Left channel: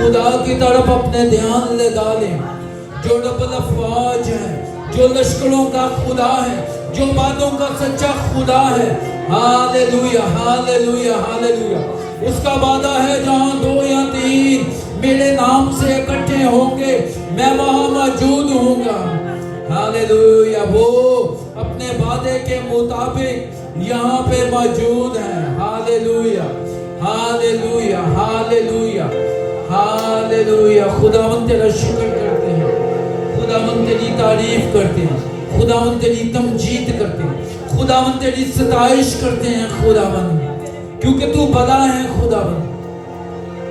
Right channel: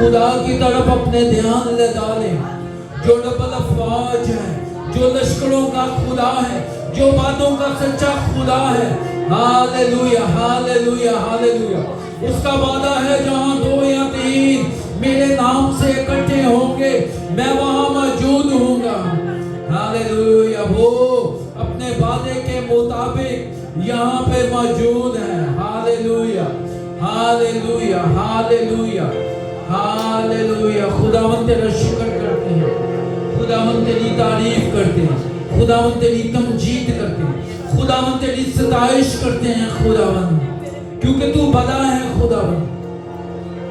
खुदा की तरफ अपने ध्यान ले डालें, जो डबल अफवाज है, जो लश्करों का खुदा है, जो बातों का सच्चा खुदा है। Hallelujah hallelujah hallelujah. उसका वादा है जहां दो या तीन मेरे नाम से इकट्ठे होंगे मैं वहां मौजूद हूंगा। हालेलुया। वो अपने वादे के मुताबिक यहाँ पे मौजूद है। Hallelujah hallelujah hallelujah hallelujah. खुदावंद तेरा शुक्र करते हैं, खुदावंद तेरी तारीफ करते हैं, खुदावंद तेरी तमजीद करते हैं, खुदावंद तेरी सताइश करते हैं खुदावंद, क्योंकि तू भला है खुदावंद।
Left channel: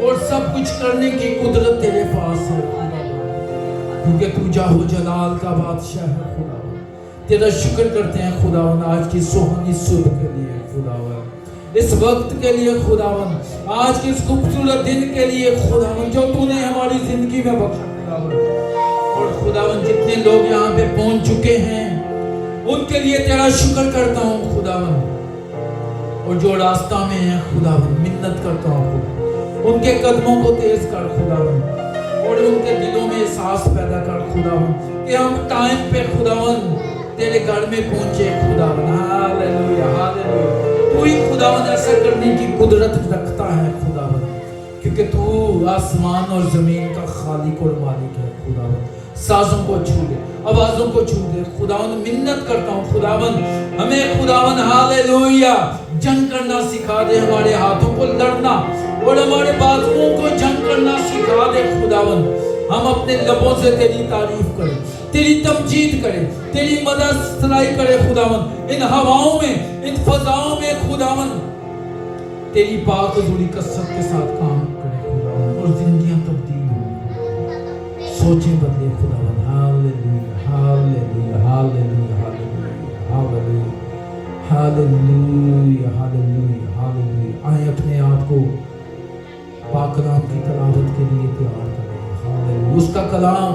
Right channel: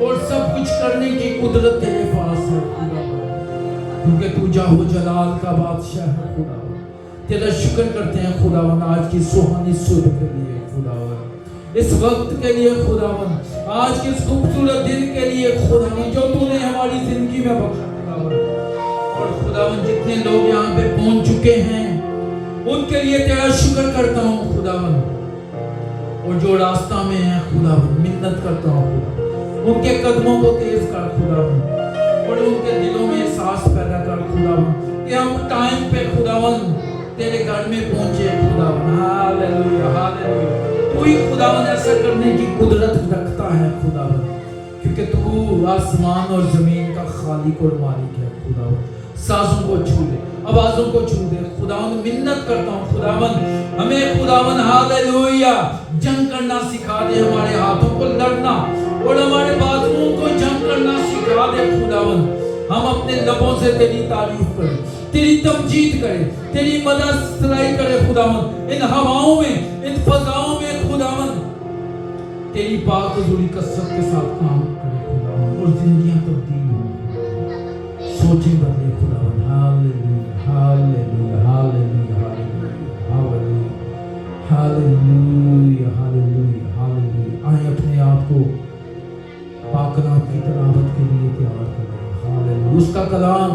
और सब कुछ करने की कुदरत तेरे पास है खुदावन, क्योंकि तू जाहो जलाल का बादशाह है खुदावन। तेरा शुक्र करते हैं खुदावन आज की सुहानी सुबह के लिए खुदावन, इस वक्त के लिए खुदावन, आज के इस खूबसूरत दिन के लिए खुदावन जो तूने हमारी जिंदगी में बख्शा खुदावन। और खुदावन जितने लोग यहाँ पे पहुंच चुके हैं उनके लिए तेरा शुक्र करता हूँ खुदावन, और जो रास्ता में है खुदावन मिन्नत करता हूँ खुदा, उनके कदमों को तेज कर खुदावन, और उनके दिलों में एहसास पैदा कर खुदावन कि हम टाइम पे खुदावन तेरे घर में पहुंचे खुदावन। Hallelujah hallelujah. तू ही खुदावन ऐसा करने की कुदरत रखता है खुदावन, क्योंकि तू आसमान और जमीन का खालिक और मालिक है खुदावन। साजों को छू दे, आवाजों को छू दे खुदावन, मिन्नत करता हूँ खुदावन, हमें खुदावन हालेलुया जंग करना सिखा दे, हमारे हाथों को लड़ना और हमारे बाजुओं को जंग करना सिखा दे खुदावन। हम अपने लबों से तेरी तारीफ करें, तेरी तमजीद करें, तेरी मदद सराई करें खुदावन, इन हवाओं में, इन फजाओं में खुदावन तेरी पाक हुजूरी कसरत के साथ काम करें खुदावन, और जिंदगियां तब्दील हों, सोचें बदले खुदावन। Hallelujah hallelujah hallelujah hallelujah hallelujah hallelujah hallelujah. आए अपने आप को पाक कलाम की तिलावत के लिए तैयार करें। हालेलुया। उसका कलाम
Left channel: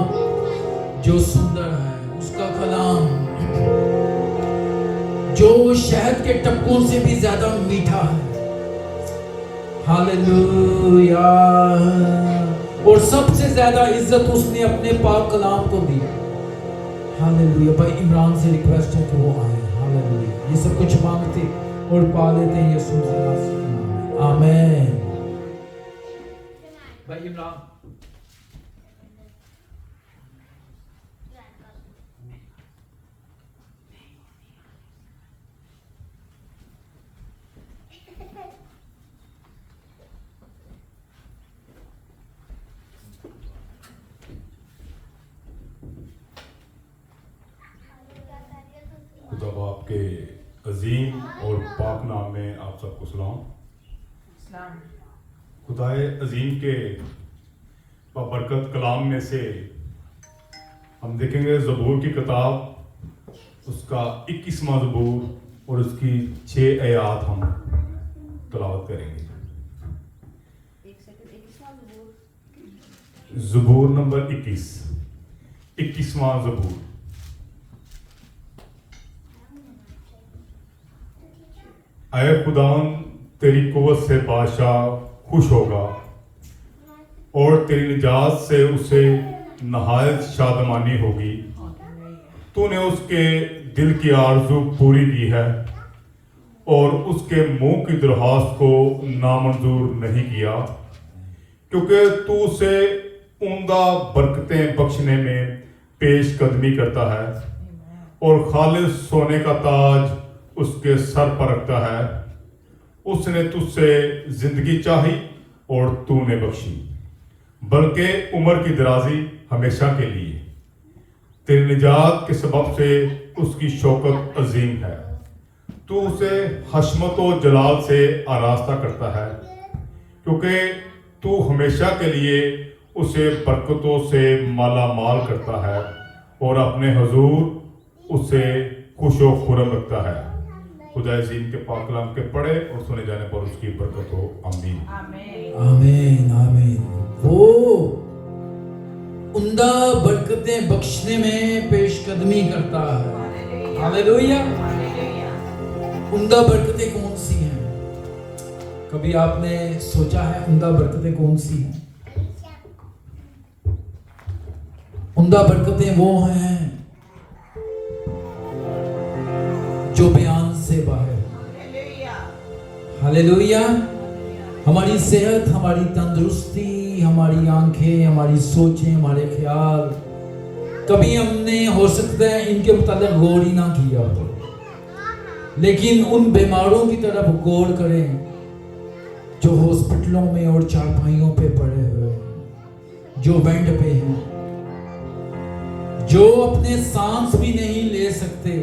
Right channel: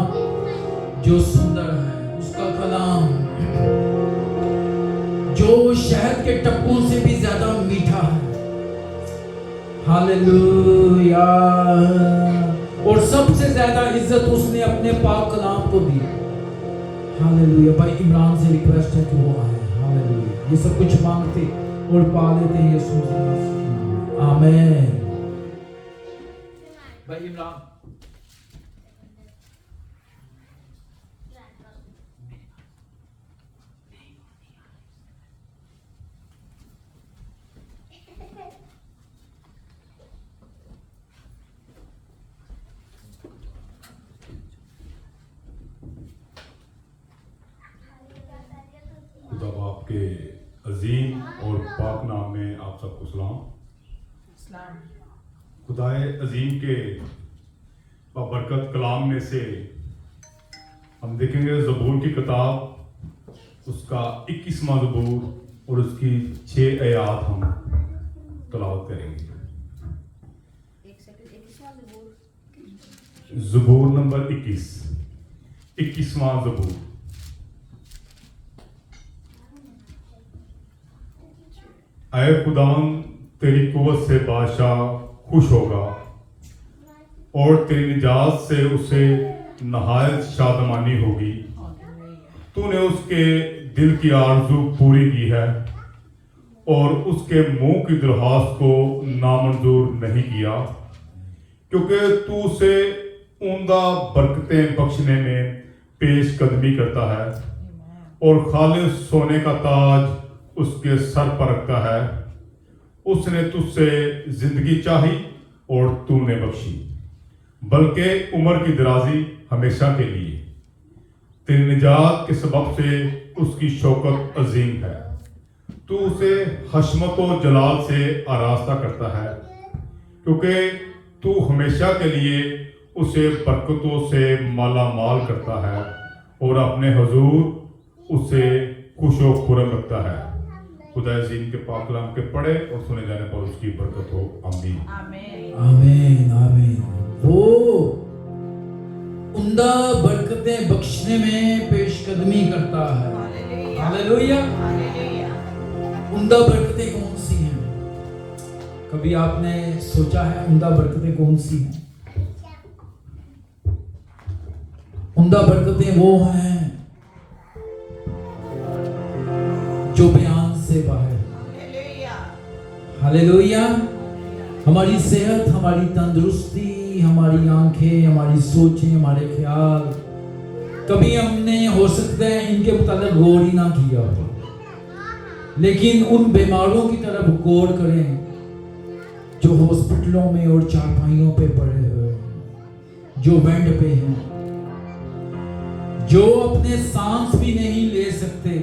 जो सुंदर है, उसका कलाम जो शहद के टप्पों से भी ज्यादा मीठा है। हालेलुया। और सबसे ज्यादा इज्जत उसने अपने पाक कलाम को दी। हालेलुया। भाई इमरान से रिक्वेस्ट है कि वो आए। हालेलुया। ये सब कुछ मांगते और पा लेते हैं यीशु मसीह के नाम में। आमीन। भाई इमरान आपके अजीम और पाक नाम में आप सबको सलाम। खुदाए अजीम के बरकत कलाम में से हम देखेंगे ज़बूर की किताब, उसका 21वां ज़बूर और उसकी 6 आयात हम तलावत करेंगे। ज़बूर नंबर 21वां ज़बूर। ऐ खुदावन तेरी कुव्वत से बादशाह खुश होगा और तेरी निजात से उसे नहायत शादमानी होगी। तूने उसके दिल की आरज़ू पूरी की है और उसके मुंह की दरख्वास्त को नामंजूर नहीं किया, क्योंकि तू उसे उम्दा बरकतें बख्शने में पेश कदमी करता है और खालिस सोने का ताज उसके सर पर रखता है। उसने तुझसे जिंदगी चाही और तूने बख्शी, बल्कि उम्र की दराजी हमेशा के लिए। तेरी निजात के सबब से उसकी शौकत अजीम है। तू उसे हशमत व जलाल से आरास्ता करता है, क्योंकि तू हमेशा के लिए उसे बरकतों से माला माल करता है और अपने हुजूर उसे खुशो खुरम रखता है। खुदा अजीम के पाक कलाम के पढ़े और सुने जाने पर उसकी बरकत हो। आमीन आमीन आमीन। वो उम्दा बरकतें बख्शने में पेशकदमी करता है। हालेलुया। उम्दा बरकतें कौन सी हैं? कभी आपने सोचा है उम्दा बरकतें कौन सी हैं? उम्दा बरकतें वो हैं जो बयान से बाहर। हालेलुया। हमारी सेहत, हमारी तंदुरुस्ती, हमारी आंखें, हमारी सोचें, हमारे ख्याल, कभी हमने हो सकता है इनके मुताबिक गौर ही ना किया हो, लेकिन उन बीमारों की तरफ गौर करें जो हॉस्पिटलों में और चारपाइयों पे पड़े हुए हैं, जो बेड पे हैं, जो अपने सांस भी नहीं ले सकते,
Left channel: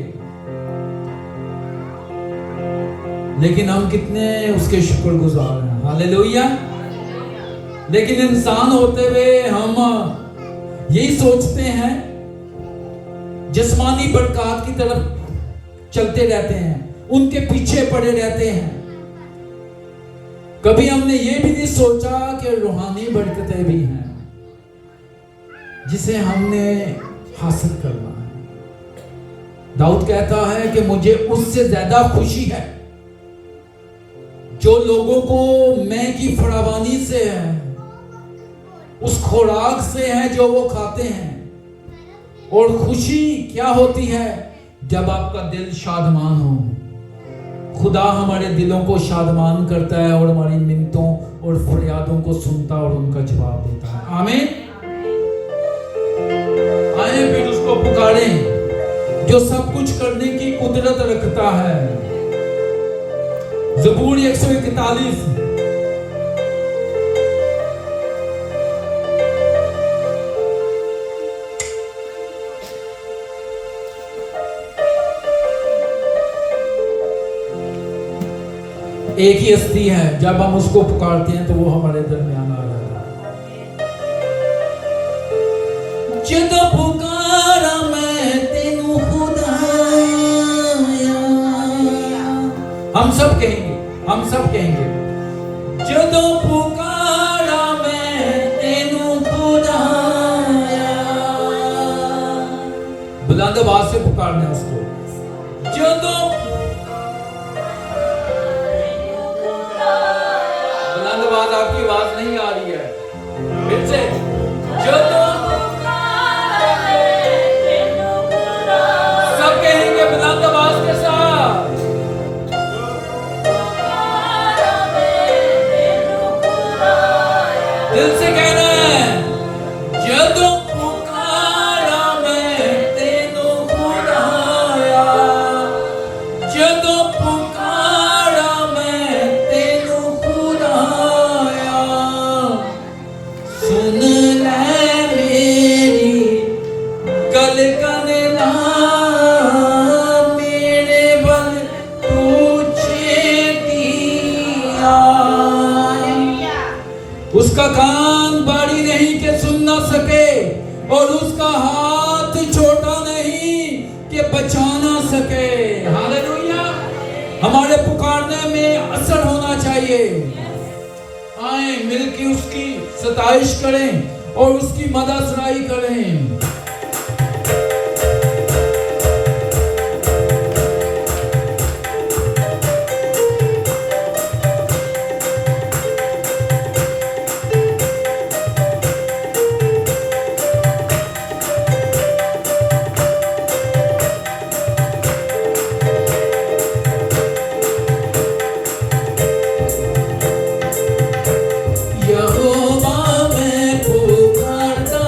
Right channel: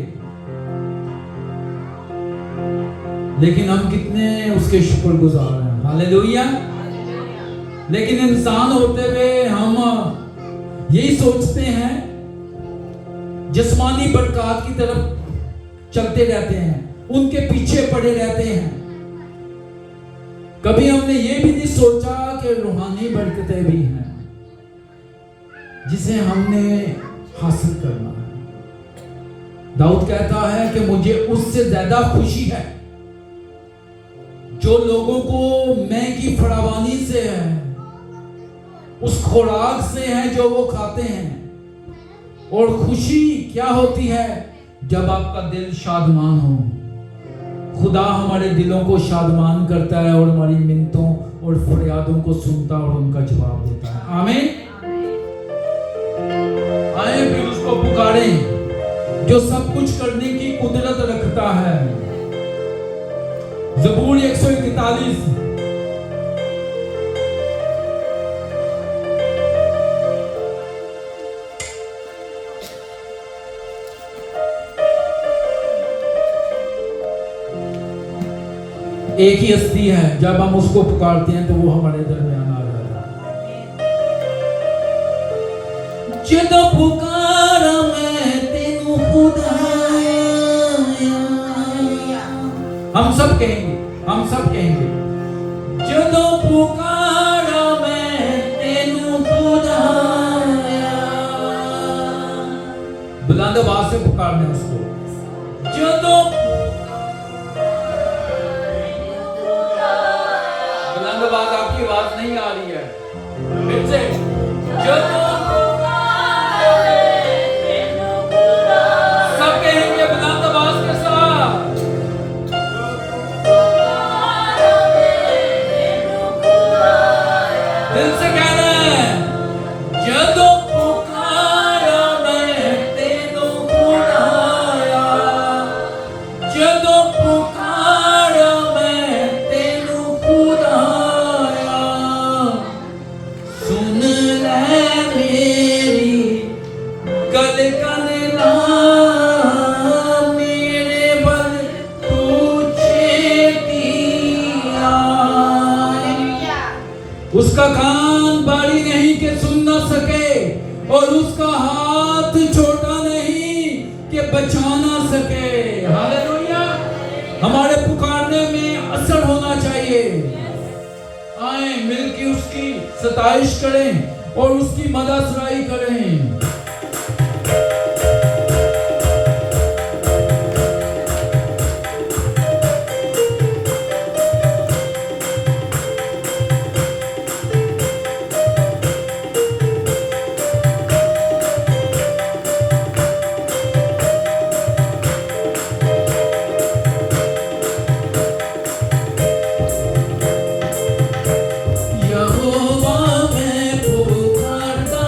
लेकिन हम कितने उसके शुक्रगुजार हैं। हालेलुया। लेकिन इंसान होते हुए हम यही सोचते हैं, जिस्मानी बरकत की तरफ चलते रहते हैं, उनके पीछे पड़े रहते हैं। कभी हमने ये भी नहीं सोचा कि रूहानी बरकतें भी हैं जिसे हमने हासिल करना है। दाऊद कहता है कि मुझे उससे ज्यादा खुशी है जो लोगों को मैं की फरावानी से है, उस खुराक से है जो वो खाते हैं। और खुशी क्या होती है? जब आपका दिल शादमान हो। खुदा हमारे दिलों को शादमान करता है और हमारी मिन्नतों और फरियादों को सुनता और उनका जवाब देता है। आमीन। आए फिर उसको पुकारें जो सब कुछ करने की कुदरत रखता है। ज़बूर 141। एक ही हस्ती है, जब हम उसको पुकारते हैं तो वो हमारे दरमियान आ जाता है। जदों पुकारा मैं तेनू खुदाया, हम सब कहेंगे जदों पुकारा मैं तेनू खुदाया। बुलंद आवाज से पुकारना है उसको। जदों आपकी आवाज नहीं आ रही है, फिर से सब कहेंगे बुलंद आवाज के साथ। दिल से कहना है, जदों पुकारा मैं तेनू खुदाया, जदों पुकारा मैं तेनू खुदाया। सुन ले मेरी गल कन ला, मेरे बल तुझे दिया। उसका कान बारी नहीं कि सुन ना सके, और उसका हाथ छोटा नहीं कि बचा ना सके। हालेलुया। हमारे पुकारने में असर होना चाहिए। आए मिलके उसकी सताइश करें और उसकी मददसराई करें। यहोवा मैं पुकारता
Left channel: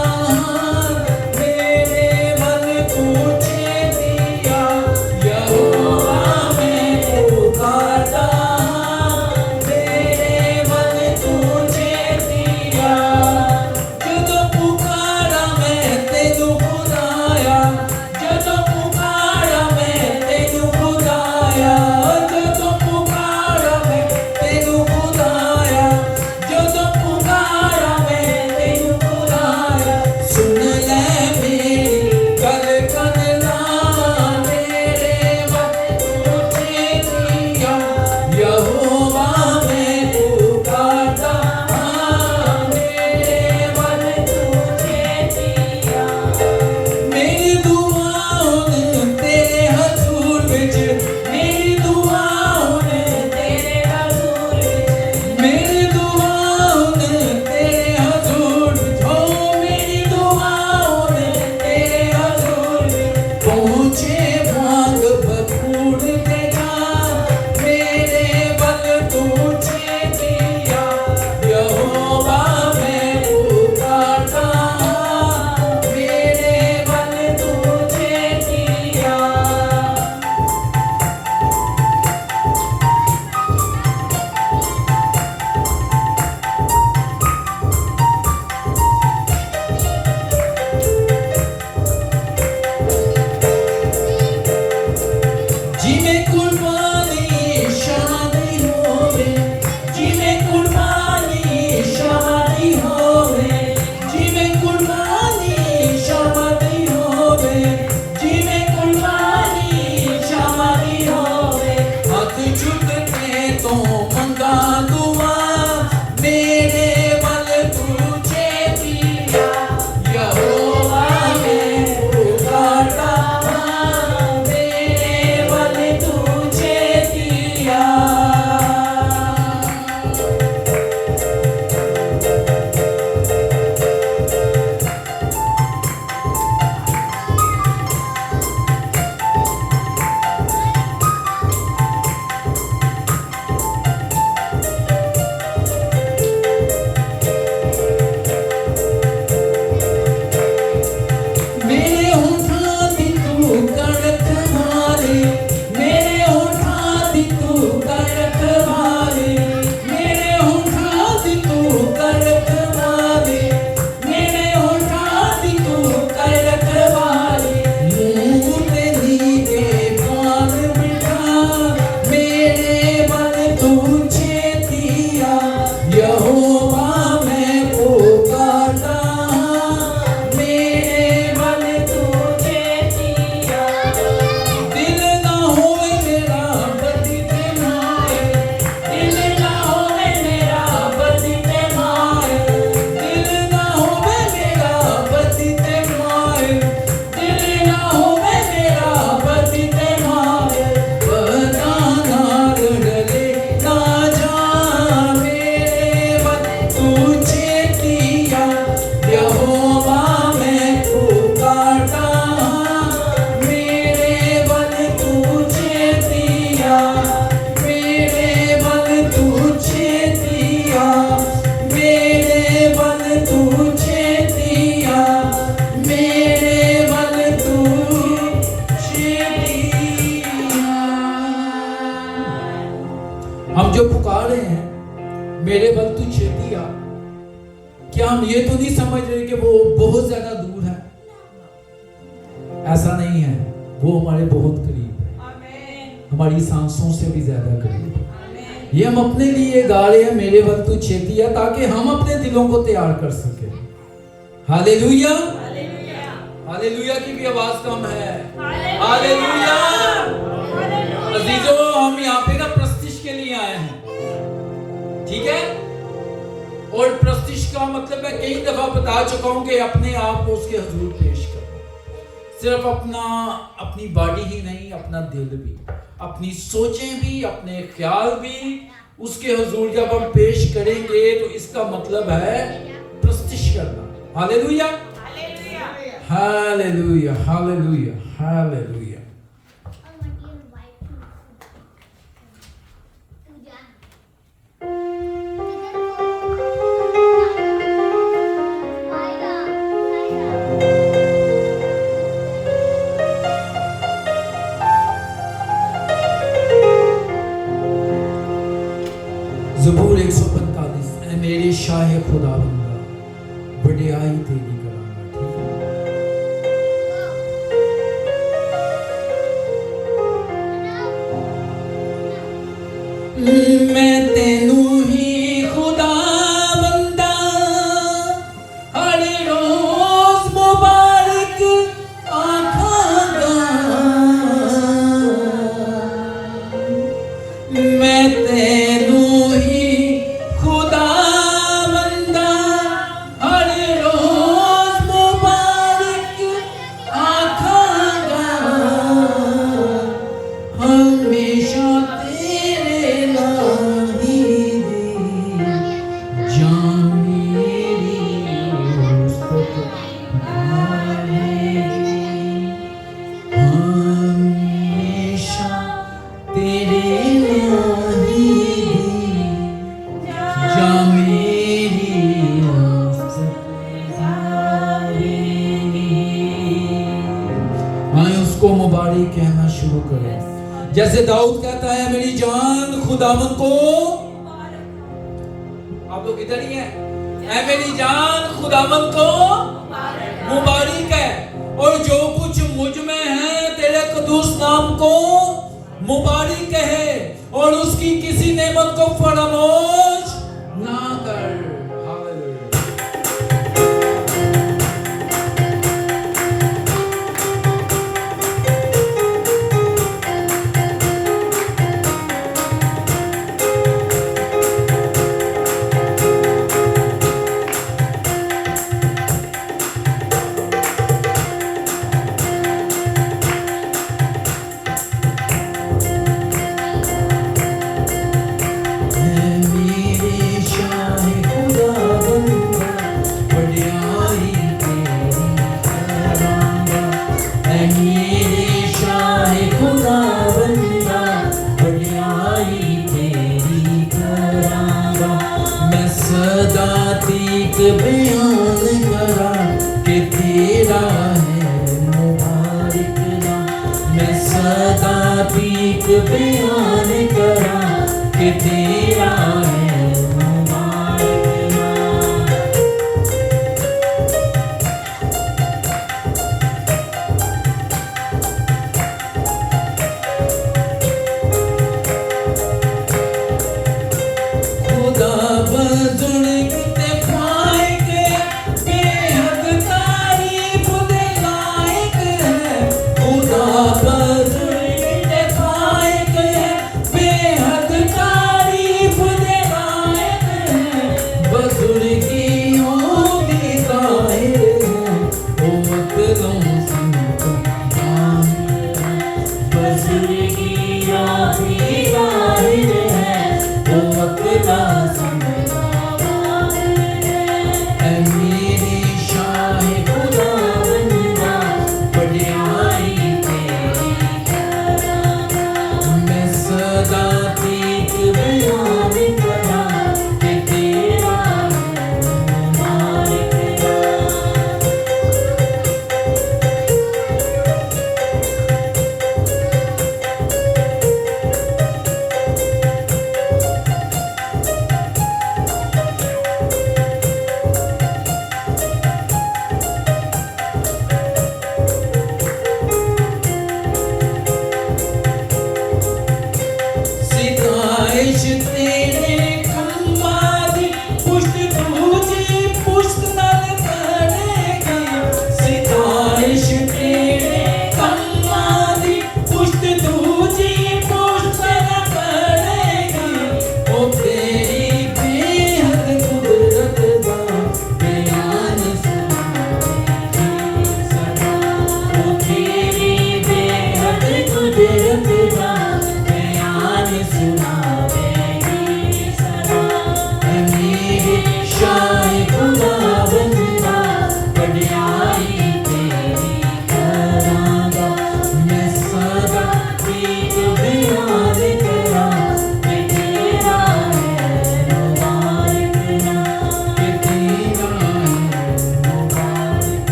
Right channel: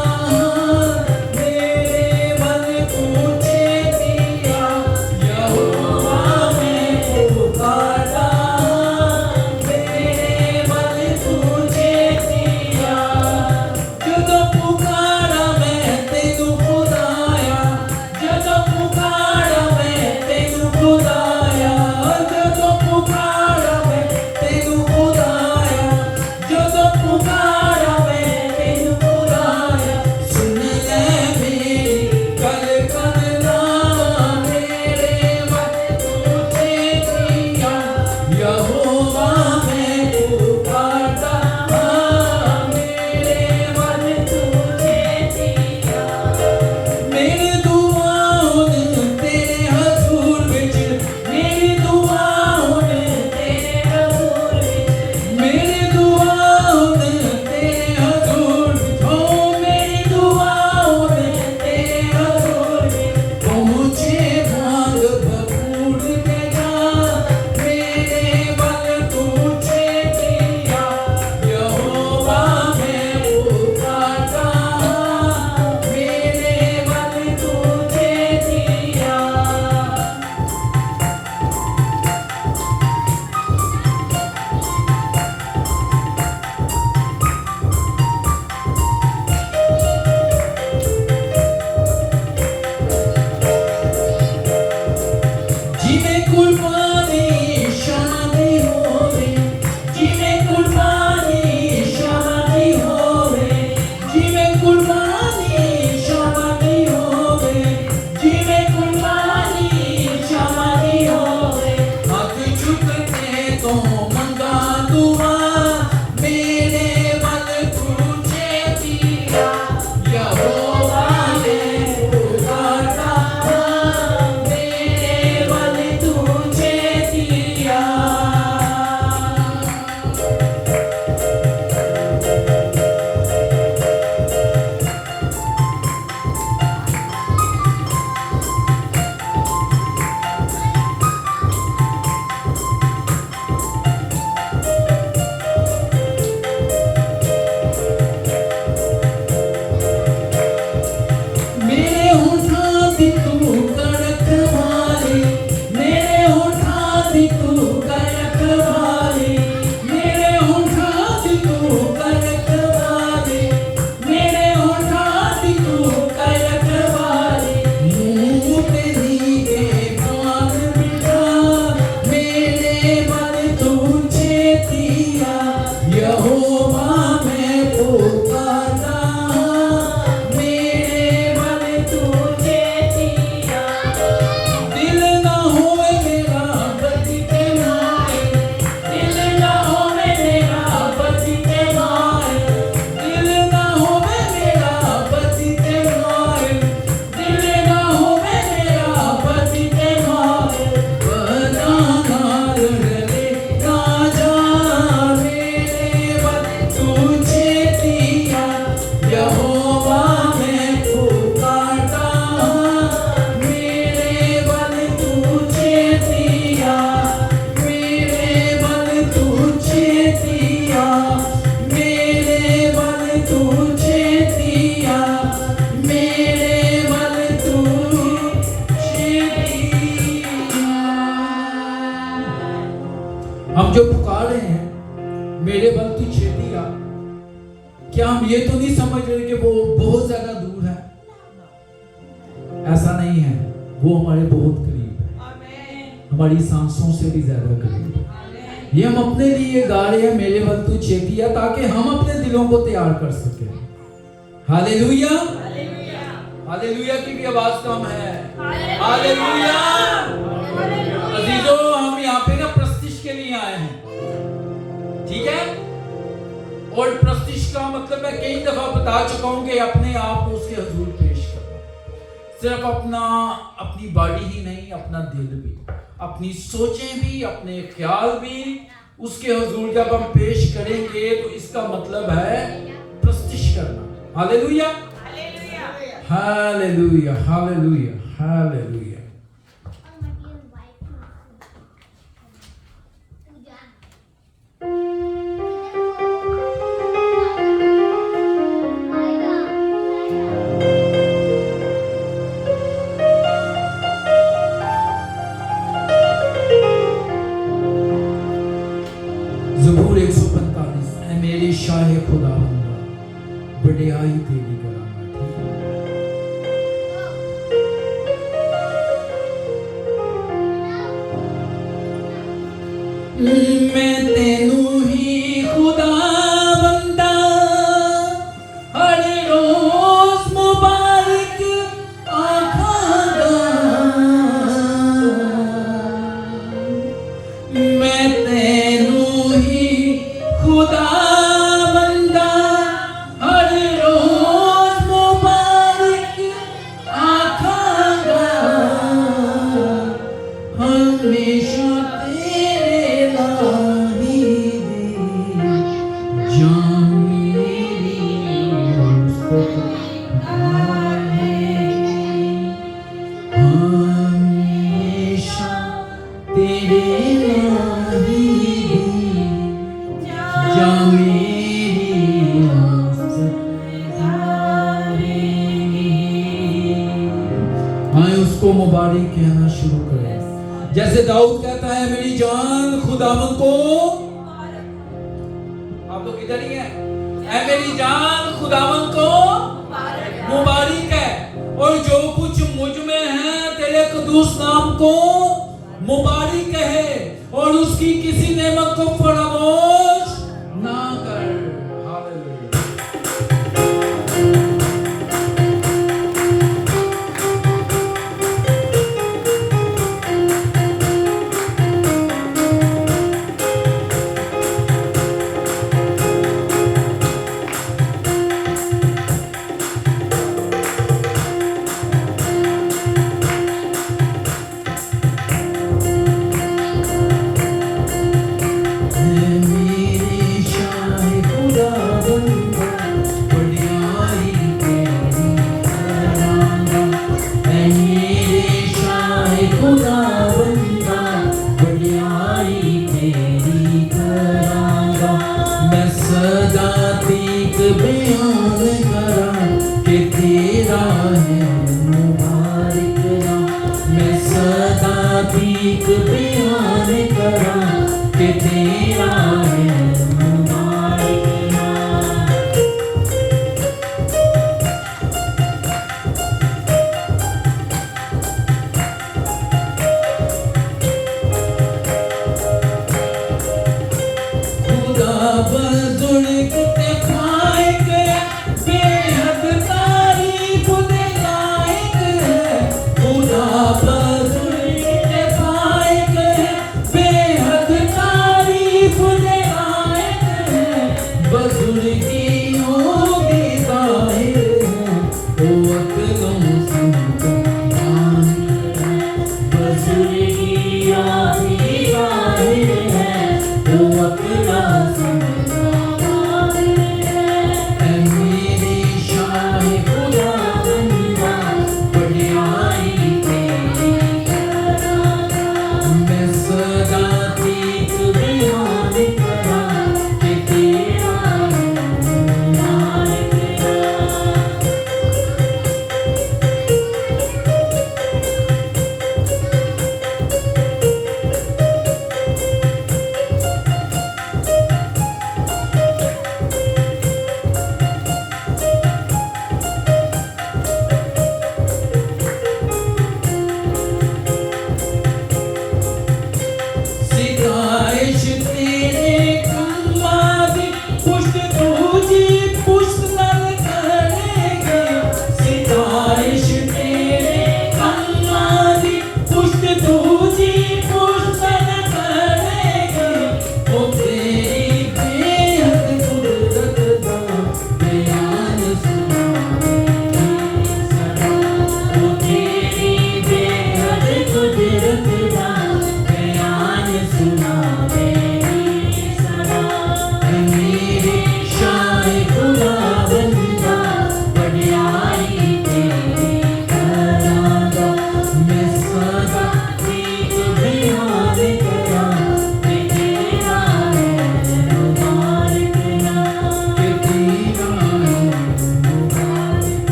वो हमारे बहुत करीब है, हमारी सांसों से भी ज्यादा करीब है। ये हम अपने लिए गा रहे हैं, मेरे बल तू छेतिया, ताकि हम अपने दिलों को तैयार कर सके। हालेलुया, हालेलुया की भी आवाज कम है। हालेलुया। अजीजों, हम यहाँ पे ना प्रस्तिश के लिए आए हैं, ठीक है? और प्रस्तिश का मतलब मैं कई दफा बता चुका हूं कि अपने आप को उसके हुजूर पेश करना, सिर्फ अपनी बॉडी ही नहीं, अपना दिल भी, अपनी सोचें भी, अपने ख्याल भी उसके हुजूर जब हम पेश करेंगे तो इसका मतलब है प्रस्तिश करना। Hallelujah, hallelujah, hallelujah, hallelujah. ज़बूर 145, ऐ मेरे शाह खुदावंदा, बड़याई तेरी करांगा। मैं तेनू ही खुदावंदा, हर रोज मुबारक आखांगा। मैं तेनू ही खुदावंदा, हर रोज मुबारक आखांगा। हमेशा तेरे नाम ही जान मेरी हमेशा तेरे नाम ही जान मेरी आए उसको मुबारक कहना शुरू करें, जैसे दाऊद कहता है मेरी जान खुदावन को। आप लोग इधर ही हैं? ऐ मेरी जान खुदावन को मुबारक है, और जो कुछ मुझ में है तेरे कदूस नाम को मुबारक है, और उसकी किसी नेमत को फरामोश ना कर। हालेलुया।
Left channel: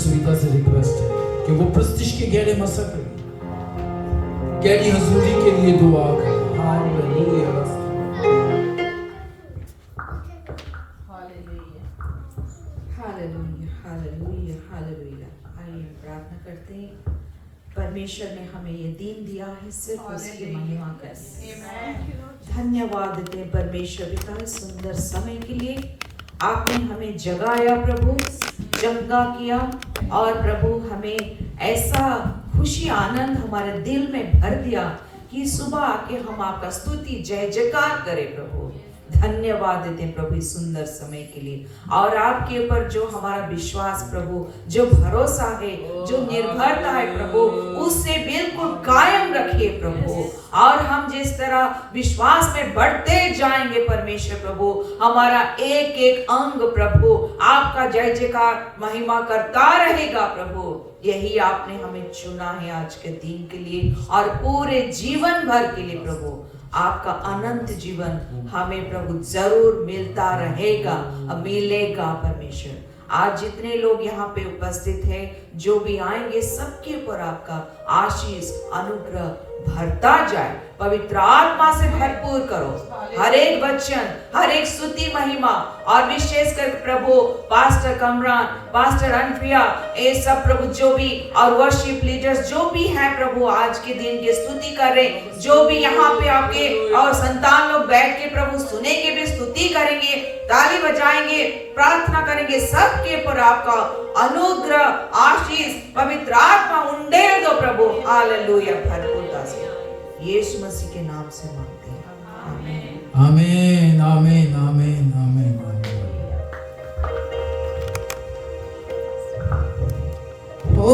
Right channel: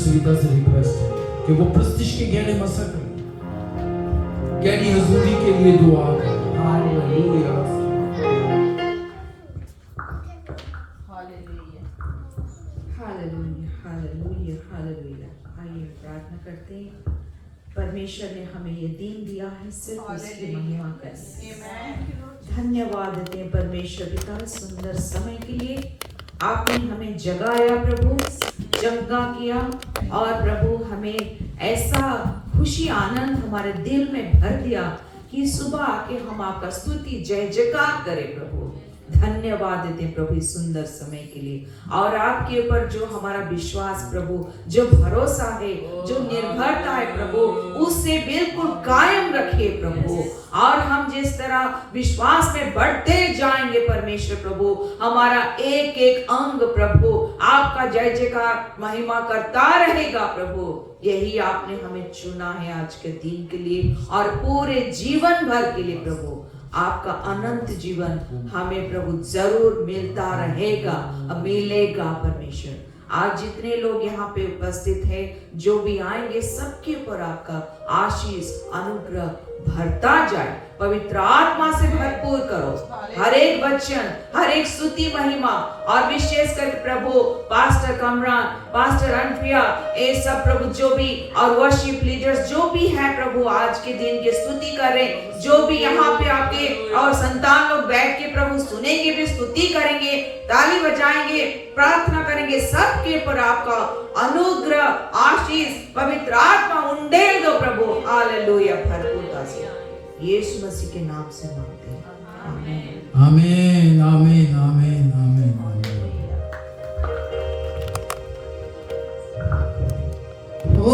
सुविधा से रिक्वेस्ट है कि वो प्रस्तिश के गहरे मसक गहरी हजूरी के लिए दुआ करें। हालेलुया। Hallelujah hallelujah hallelujah. आइए प्रार्थना करते हैं। परमेश्वर ने हमें ये दिन दिया है सिर्फ उसकी महिमा कर। धन्यवाद देते हैं परमेश्वर पिता इस सुंदर समय के लिए। आपने हमें जगाया प्रभु, जगा किया और प्रभु हमें ऐसा खुशी आनंद हमारे दिल में भर दिया कि सुबह आके हम आपका स्तुति जय जयकार करें प्रभु। धन्यवाद देते हैं प्रभु इस सुंदर समय के लिए और आपके ऊपर जो हमारा विश्वास प्रभु, जो भरोसा है, जो निर्भरता है प्रभु, उससे बिल्कुल कायम रखिए प्रभु। और हम जिस तरह विश्वास में बढ़ते जाएंगे परमेश्वर प्रभु, हमारा एक एक अंग प्रभु आपका जय जयकार महिमा करता रहेगा प्रभु। यही आपने हमें चुना है आज के दिन के लिए और पूरे जीवन भर के लिए प्रभु। आपका अनंत जीवन हमें प्रभु जरूर मिलता रहेगा, मिलेगा परमेश्वर। आज जितने लोग यहाँ पे उपस्थित हैं, जो भी आएंगे, सबके ऊपर आपका आशीष अनुग्रह भरता जाए। पवित्र आत्मा से भरपूर करो हर एक वचन, हर एक स्तुति महिमा और विशेष कर प्रभु पास्टर कमरान, पास्टर अनप्रिया, ये सब प्रभु जो भी और वर्शिप लीडर्स जो भी हैं प्रभु आज के दिन की स्तुति करें, जो भी यहाँ पे आपके और संतान लोग बैठ के प्रभु सुनेंगे भी, स्तुति करेंगे, ताली बजाएंगे, प्रार्थना करेंगे, सबके ऊपर आपका अनुग्रह आशीष पवित्र आत्मा उंडेल दो प्रभु। हालेलुया भरपूरता से यीशु मसीह के नाम से मांगते हैं, आमीन आमीन आमीन आमीन आमीन आमीन। ओ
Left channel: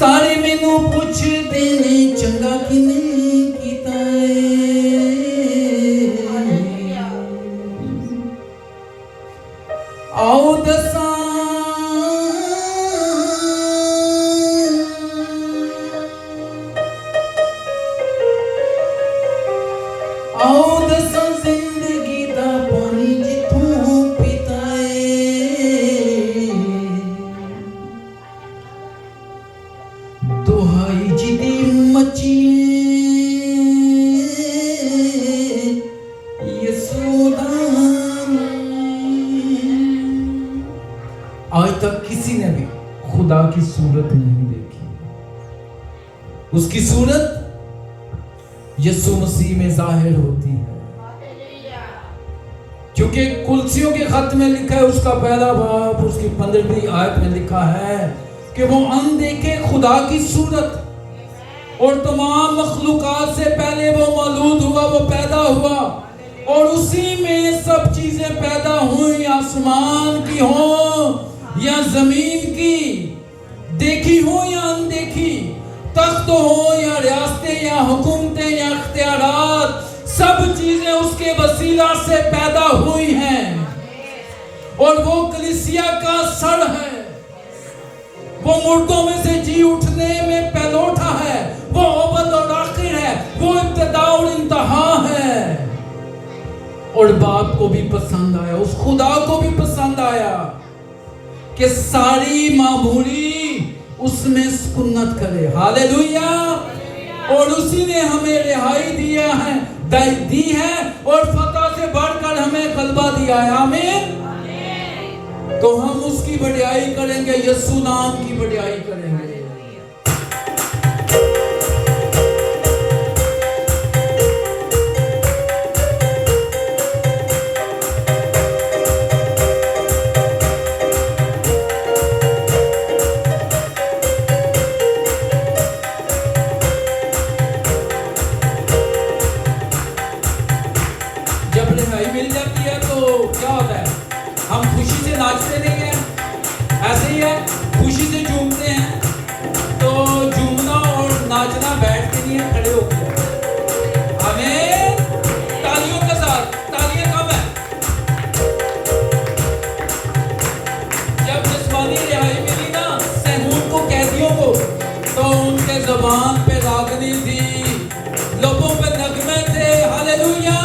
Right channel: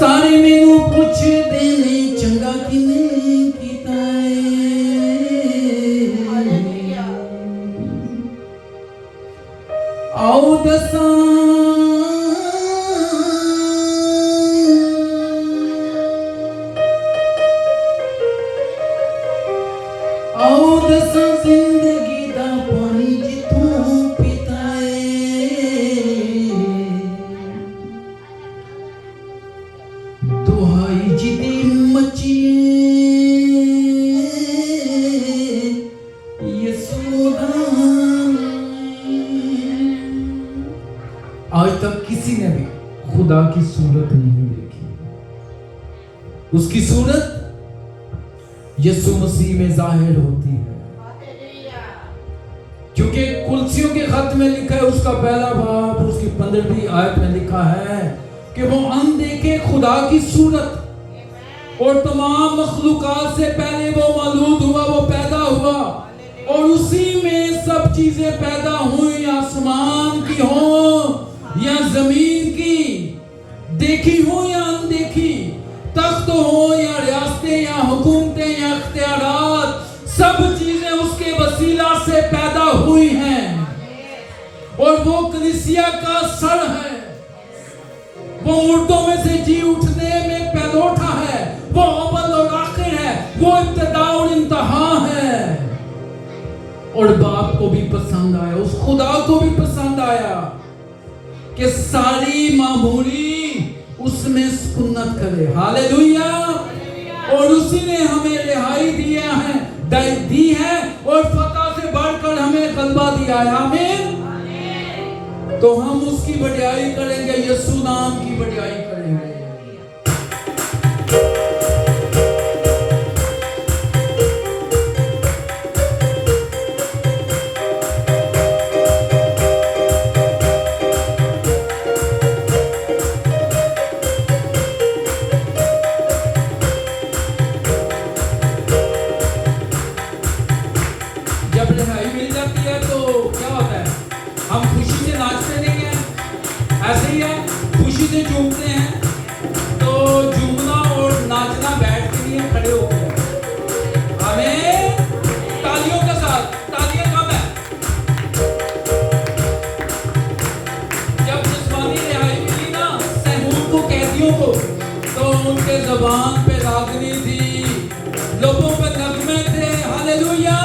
सारे मैनू पुछदे ने चंगा किने कीता आओ दसा आओ दसा जिंदगी दा पानी जिथों पीता दुहाई जिदी मचिए यसूदा। आज तक किसी ने भी खुदा की सूरत नहीं देखी। उसकी सूरत यीशु मसीह में जाहिर होती है, क्योंकि कुलसियों के खत में लिखा है, उसका पहला बाब उसकी 15वीं आयत में लिखा है कि वो अनदेखे खुदा की सूरत और तमाम मखलूकात से पहले वो मौजूद हुआ, वो पैदा हुआ और उसी में सब चीजें पैदा हुई, आसमान की हो या जमीन की, देखी हो या अनदेखी, तख्त हो या रियासतें या हुकूमतें या इख्तियारात, सब चीजें उसके वसीला से पैदा हुई हैं और वो कलीसिया का सर है। वो मुर्दों में से जी उठने में पहलोठा है, वो अव्वल और आखिर है, वो इब्तिदा और इंतहा है। और बाप को भी पसंद आया, उस खुदा को भी पसंद आया कि सारी मामूरी उसमें सुन्नत करे। हालेलुया। और उसी ने हमें रिहाई दिया है, दी है और फतह से बढ़कर हमें गलबा दिया है। आमीन। तो हम उसकी बढ़ाई करेंगे, यीशु नाम की बढ़ाई करेंगे। जब रिहाई मिल जाती है तो क्या होता है, हम खुशी से नाचते नहीं है, ऐसे ही है, खुशी से झूम लोगों पे नगमे थे। हालेलुया।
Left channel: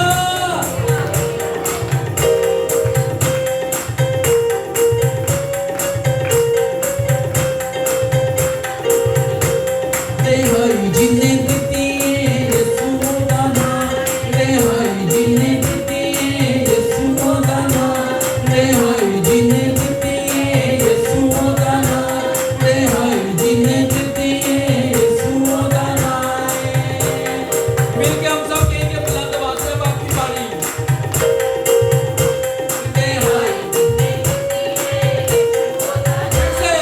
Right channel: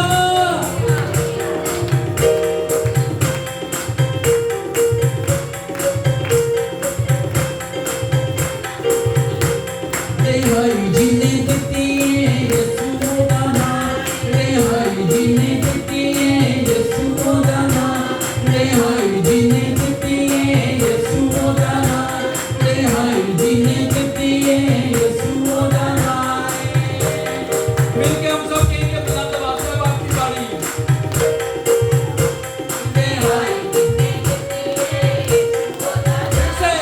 रेहाई जिन्ने दिती यीशु दा नाम, रेहाई जिन्ने दिती यीशु दा नाम, रेहाई जिन्ने दिती यीशु दा नाम, रेहाई जिन्ने दिती यीशु दा नाम। मिलके हम सब कहेंगे बुलंद आवाज से, अब आपकी बारी। रेहाई जिन्ने दिती यीशु दा नाम, से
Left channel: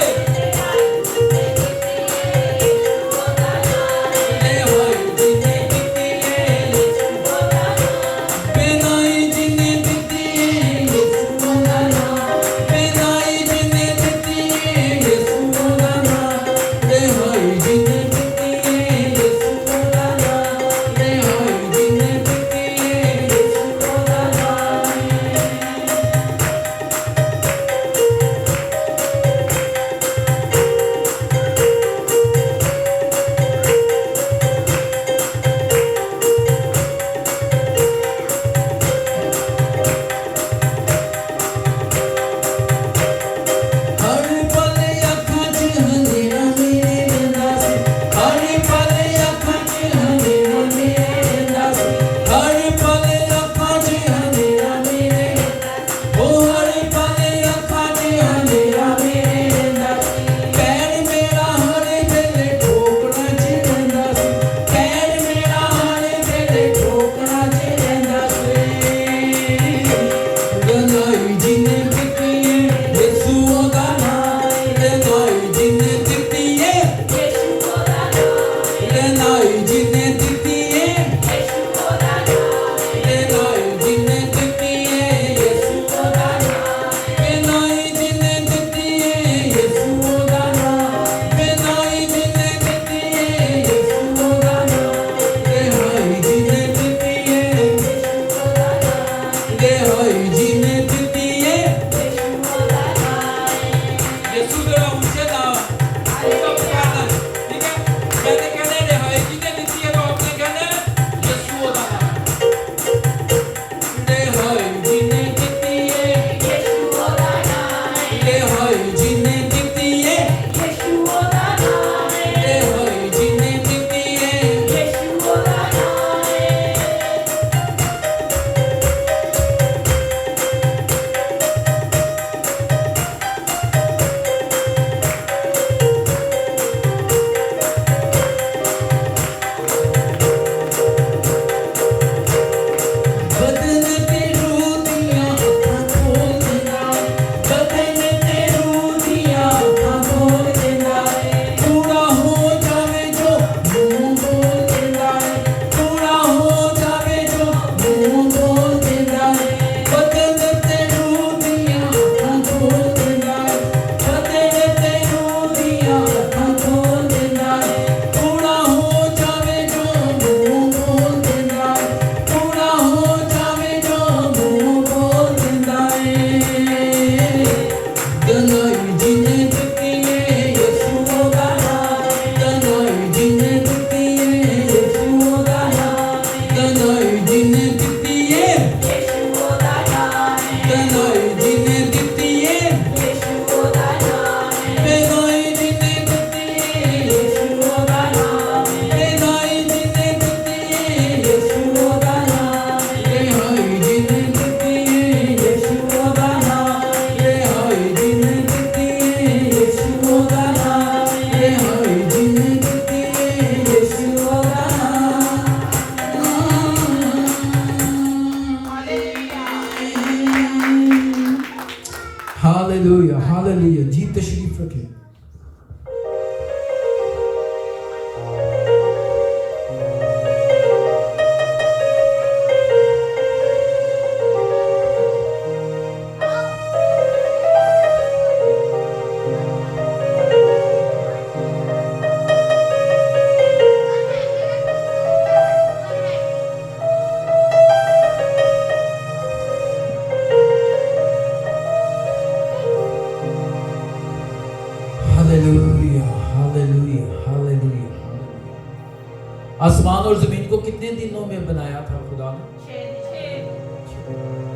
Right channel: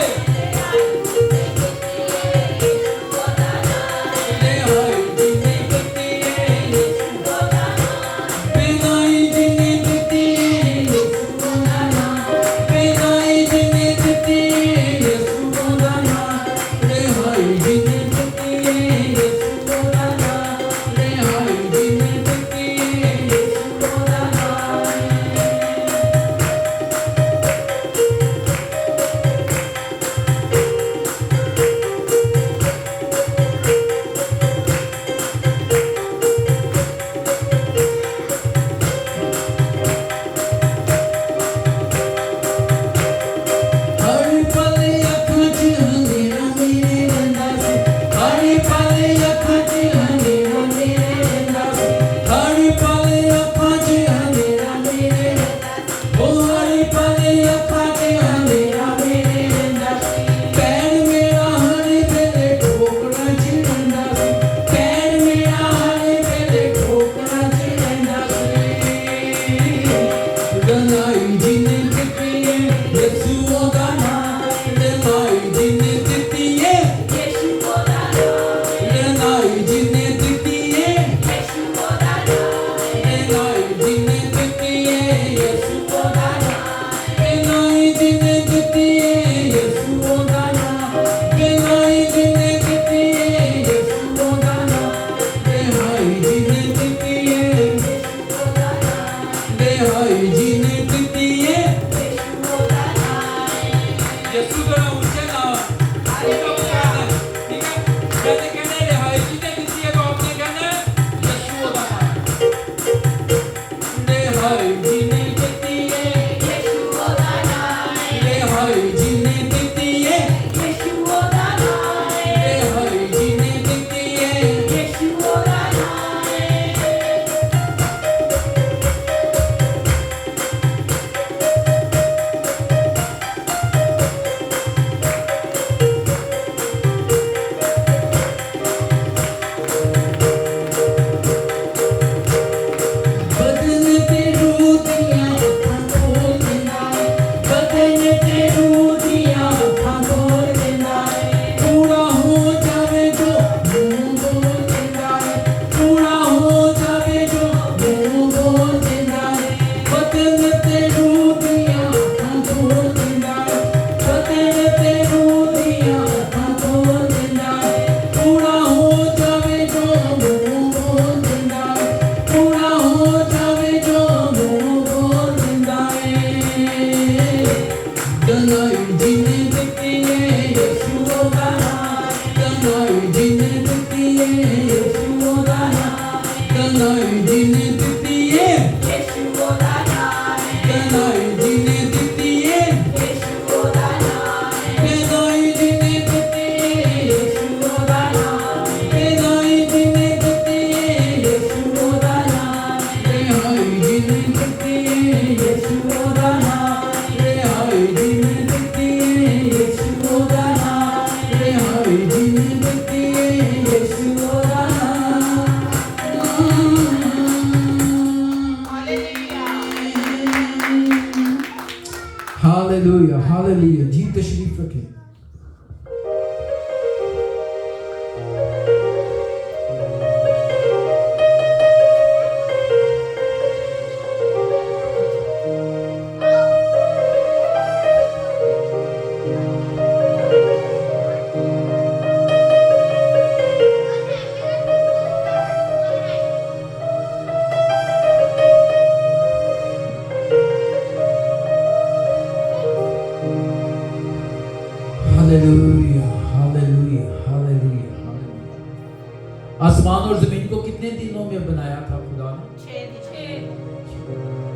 दिनों में बनाया था खुदा ने?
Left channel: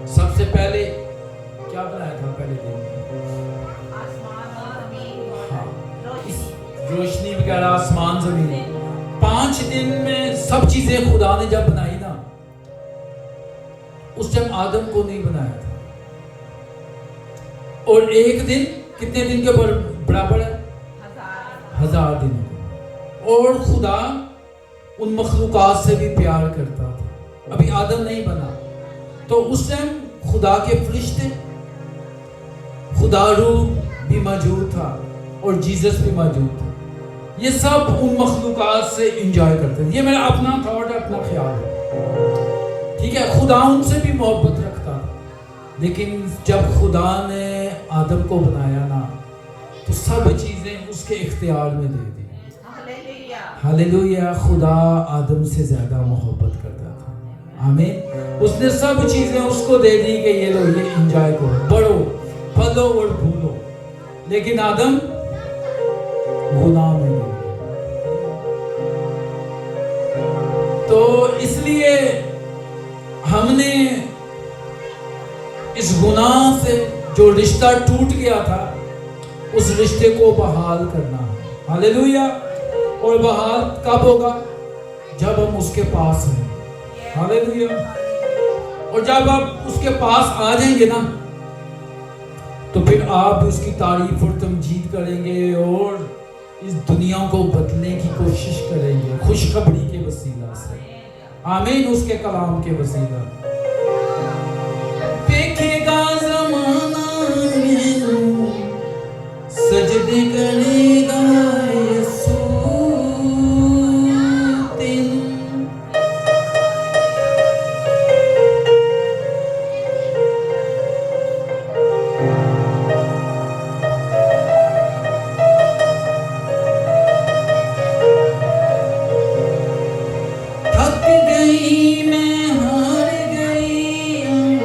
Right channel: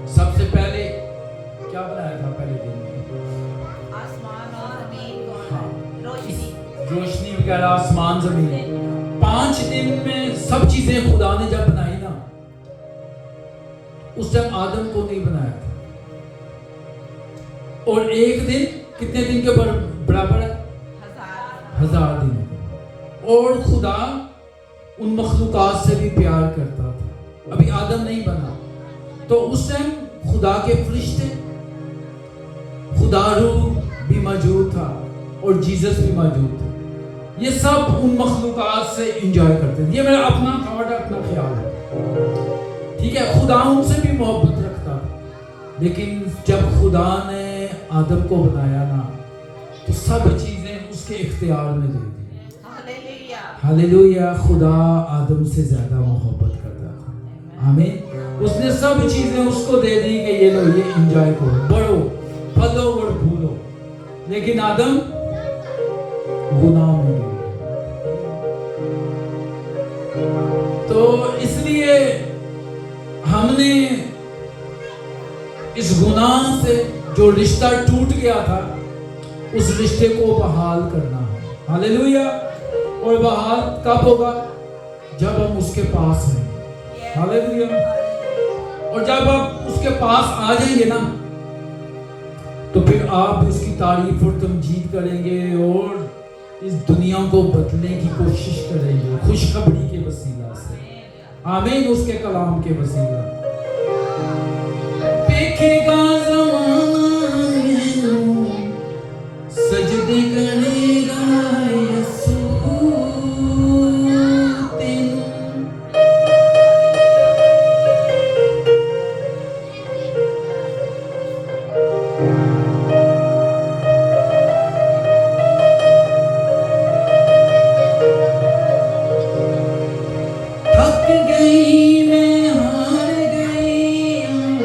सबसे पहले क्या बनाया था पहले दिन में? हाँ, रोशनी वगैरह, आसमान, जमीन। 5 दिन में सब चीजें खुदा ने जब बनाई ना, उस टाइम आदम को नहीं बनाया था। और एक दिन कितने दिन के बराबर है? 1000 दिन। और खुदा उन मखलूकात से भी प्यार करता था। अभी आदम नहीं बना तो उस टाइम खुदा के फरिश्ते, खुदा रूह भी मौजूद था और जीसस भी मौजूद थे। ये सब उन मखलूकात से एंजॉय करते थे। ये मेरा अपना थॉट, अपना ख्याल है, ठीक है। खुदा उनसे भी मोहब्बत रखता था, लेकिन जब खुदा ने आदम को बनाया ना, तो सब चीजें उसके इख्तियार में दे दी। हालेलुया। खुदा आदम से ज्यादा मोहब्बत करता था। आमीन। उसने सब चीजें उसको दे दी कि ये लो, ये एंजॉय करो, बढ़ो, फलो और फूलो। लेकिन आदम गुनाह में गिर गया। तो इसलिए हमने इस गुनाह से जो रिश्ता टूट गया था, उस रिश्ते को बहाल करना है। हालेलुया। और बहाल कब होगा? जब हम उसके पास हैं। हालेलुया। और जब आप उसके पास आ जाएंगे ना, तो फिर आप उसकी तारीफ और तमजीद करेंगे और इस दुनिया को बदलने की कोशिश करेंगे खुशखबरी के वसीला से। आमीन। उसके कलाम के वसीला। देखेगा ज़माना सजदे करेगा यीशु तेनू। थक गई मैं, हार गई हूँ,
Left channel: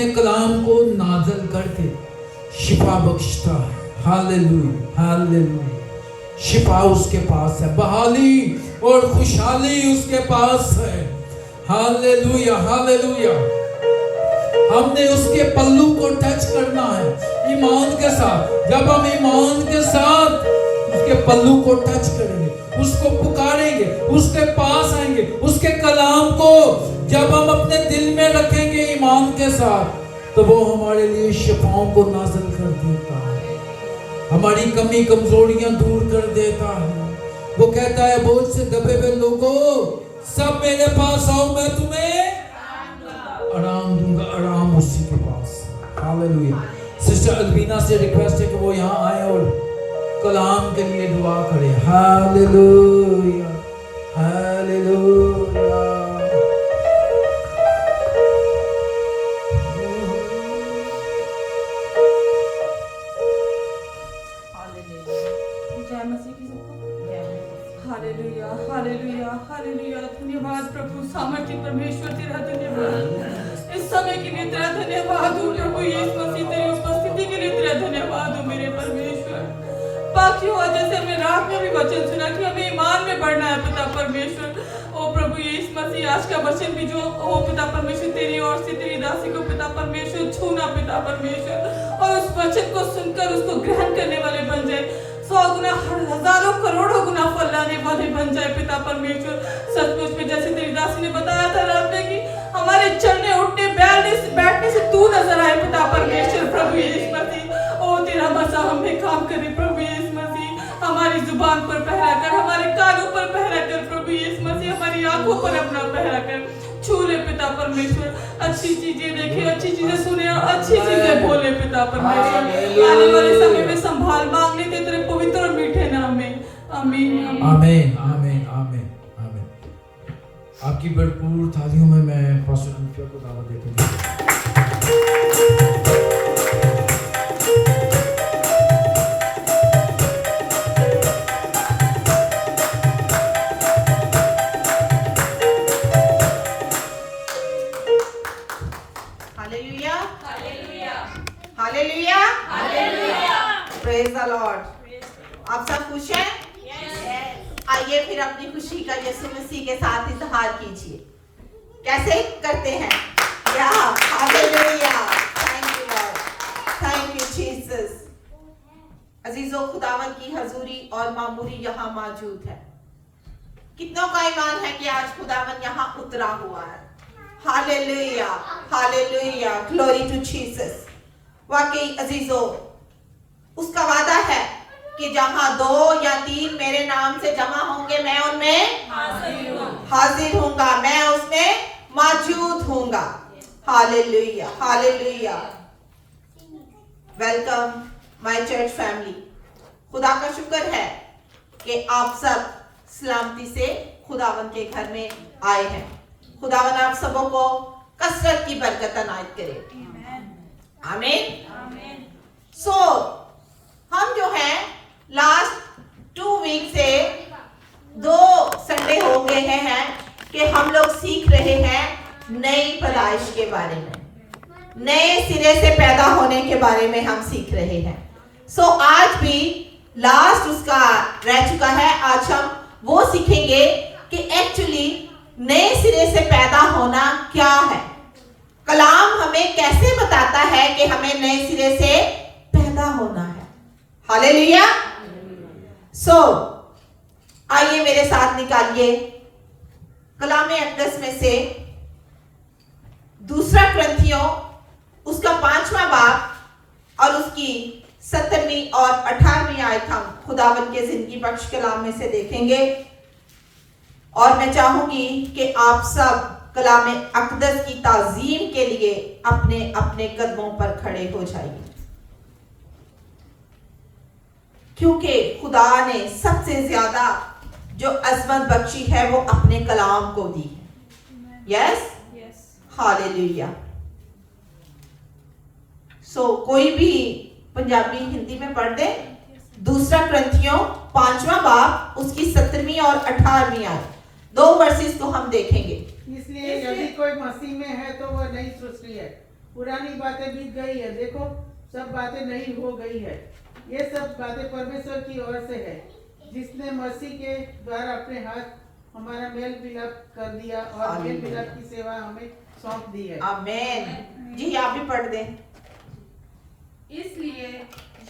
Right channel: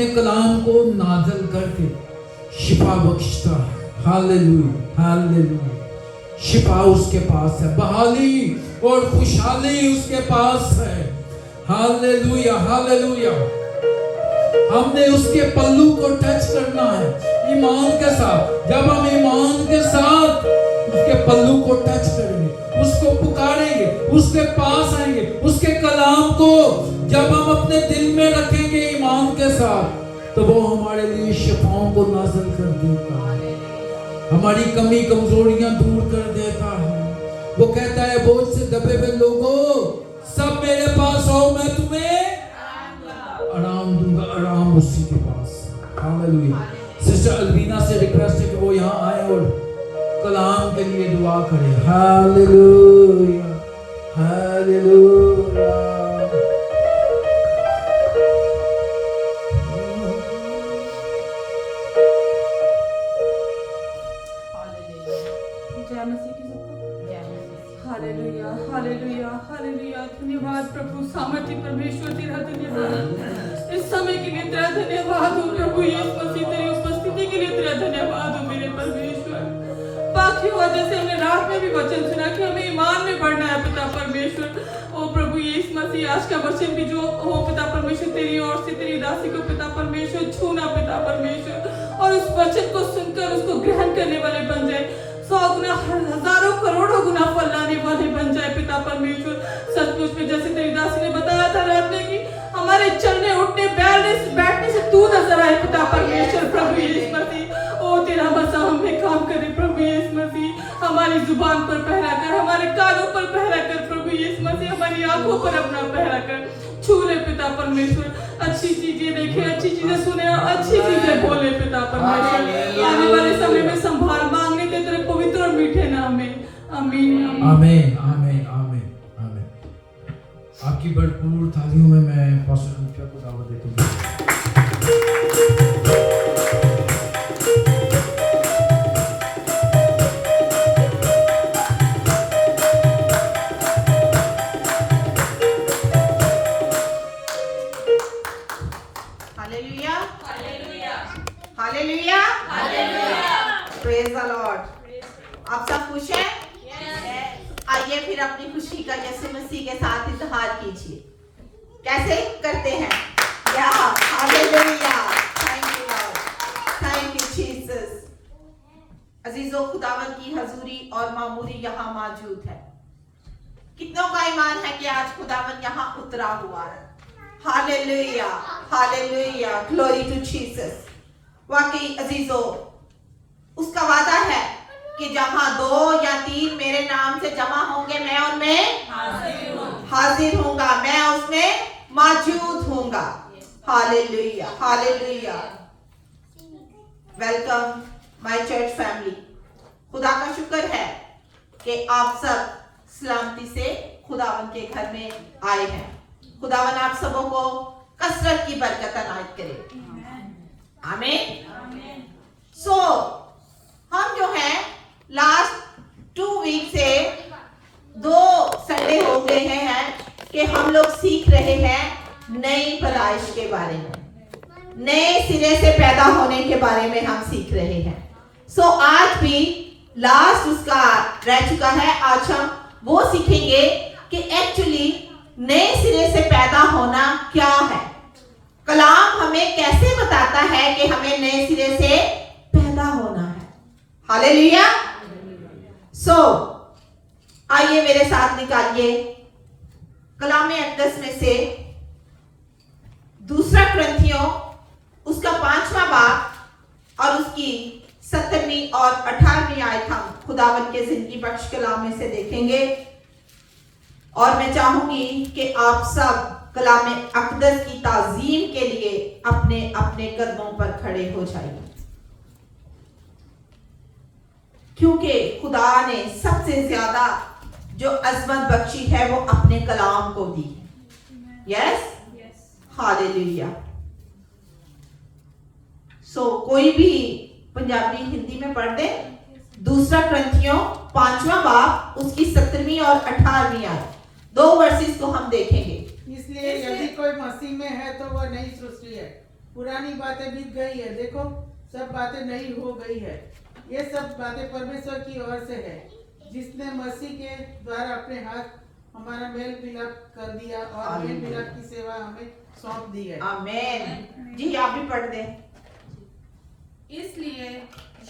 अपने कलाम को नाज़िल करके शिफा बख्शता है। Hallelujah, hallelujah. शिफा उसके पास है, बहाली और खुशहाली उसके पास है। Hallelujah, hallelujah. हमने उसके पल्लू को टच करना है ईमान के साथ। जब हम ईमान के साथ उसके पल्लू को टच करेंगे, उसको पुकारेंगे, उसके पास आएंगे, उसके कलाम को जब हम अपने दिल में रखेंगे ईमान के साथ, तो वो हमारे लिए शिफाओं को नाज़िल कर देता है, हमारी कमी कमजोरियां दूर कर देता है। वो कहता है बोझ से दबे हुए लोगों सब मेरे पास आओ, मैं तुम्हें आराम दूंगा। आराम उसी के पास। हालेलुया। सिस्टर अलवीना से रिक्वेस्ट है कि वो यहाँ आए और कलाम के लिए दुआ करें। Hallelujah, hallelujah. जय मसीह की सबको। Hallelujah, hallelujah, hallelujah. धन्यवाद प्रभु, सामर्थ्य परमेश्वर तेरा धन्यवाद। इस समय के लिए तेरा धन्यवाद हो प्रभु यीशु मसीह, तेरी उपस्थिति के लिए तेरा धन्यवाद हो मेरे परमेश्वर। बाकी हुआ जैसे हमने रात में भी वचन सुना कि हमें ईमान में बढ़ना है पिता परमेश्वर। ओ प्रभु यीशु मसीह, आज का वचन भी जो हो पिता परमेश्वर तेरी ओर से तेरी दासी को पिता परमेश्वर छूना पिता परमेश्वर, और उस वचन को सुनकर उसको ग्रहण करने वाले बन जाए, 100 गुना हजारों करोड़ों गुना फल लाने वाले बन जाए पिता परमेश्वर। सचमुच में जैसे तेरी दासी ने बताया था रात में कि हमारे चलने उठने बैठने से तू नजर आए पिता परमेश्वर। प्रभु यीशु मसीह, ओ तेरा मसा हमें काम करे प्रभु यीशु मसीह। हमारी जुबान पर पहरा कर, हमारे कानों पर पहरा कर प्रभु यीशु मसीह, हमारी आंखों पर अपना पहरा कर छू ले पिता परमेश्वर। अच्छी चीजें देखे, अच्छी चीजें सुने और अच्छी चीजें बोले पिता परमेश्वर। आने वाले समय में संभाल मांगने के तेरे पवित्र और मीठे नाम में। आमीन, आमीन, आमीन, आमीन, आमीन। आपकी भरपूर तालियों में मैं पास्टर कुंफिया को दावत देता हूँ। Hallelujah, hallelujah, hallelujah, hallelujah. Praise the Lord. आप सब खुश हैं? आइए फिर अपनी खुशी का यीशु मसीह के साथ इजहार कीजिए। कैसे करते हैं? या hallelujah, thank you Lord, thank you Jesus. अजीजों, खुदावन की हजूरी और मामूरी यहाँ मौजूद है। कितनों का ईमान है कि आज खुदावन यहाँ उतरा हुआ है? Hallelujah, hallelujah, glory to Jesus. वाकई अजीजों, उसका वादा है कि जहां 2 या 3 मेरे नाम से जमा होंगे, मैं उनमें हाजिर हूंगा, मैं उसमें मौजूद हूंगा। Hallelujah, hallelujah. Welcome my church family. खुदा का शुक्र है कि आप सब सलामती से खुदावन के घर में आए हैं। खुदावन आप सबों को कसरत की बरकत अनायत करे। आमीन। सो हम जो है लास्ट 2 वीक से 2 संडे हो गए हैं कि हम लोग सीख रहे हैं नई पैदाइश के बारे में, नए सिरे से पैदा होने के बारे में हम सीख रहे हैं। सो आज भी लास्ट उसका रह चुका है। आज हम वो सीखेंगे कि एक्चुअली नए सिरे से पैदा होना क्या है। कलाम हमें कैसे बताता है कि हमें नए सिरे से पैदा होना है। हालेलुया। सो आइए मेरे साथ निकालिए कलाम अक़दस में से 2 कुरिन्थियों उसका 5वां बाब और उसकी 17वीं और 18वीं आयत हम खुदावन के जिंदगी बख्श कलाम में से देखेंगे। और मैं चाहूंगी कि आप सब कलाम अक़दस की ताज़ीम के लिए अपने अपने कदमों पर खड़े हो जाइए, क्योंकि खुदा ने सबसे ज्यादा जो अज़मत बख्शी है वो अपने कलाम को दी है। Yes, hallelujah. सो कोई भी पंजाबी हिंदी में पढ़ दे 2 कुरिन्थियों 5वां बाब उसकी 17वीं और 18वीं आयत। 2 वर्सेस को हम देखेंगे। इसलिए यदि कोई मसीह में है तो वह नई सृष्टि है, पुरानी बातें बीत गई है, देखो सब बातें नई हो गई है। ये सब बातें परमेश्वर की ओर से है, जिसने मसीह के द्वारा अपने हाथ हमारा मेल मिलाप कर दिया और मेल मिलाप की सेवा हमें सौंप दी है। आमीन। जी आप भी पढ़ दें। इसलिए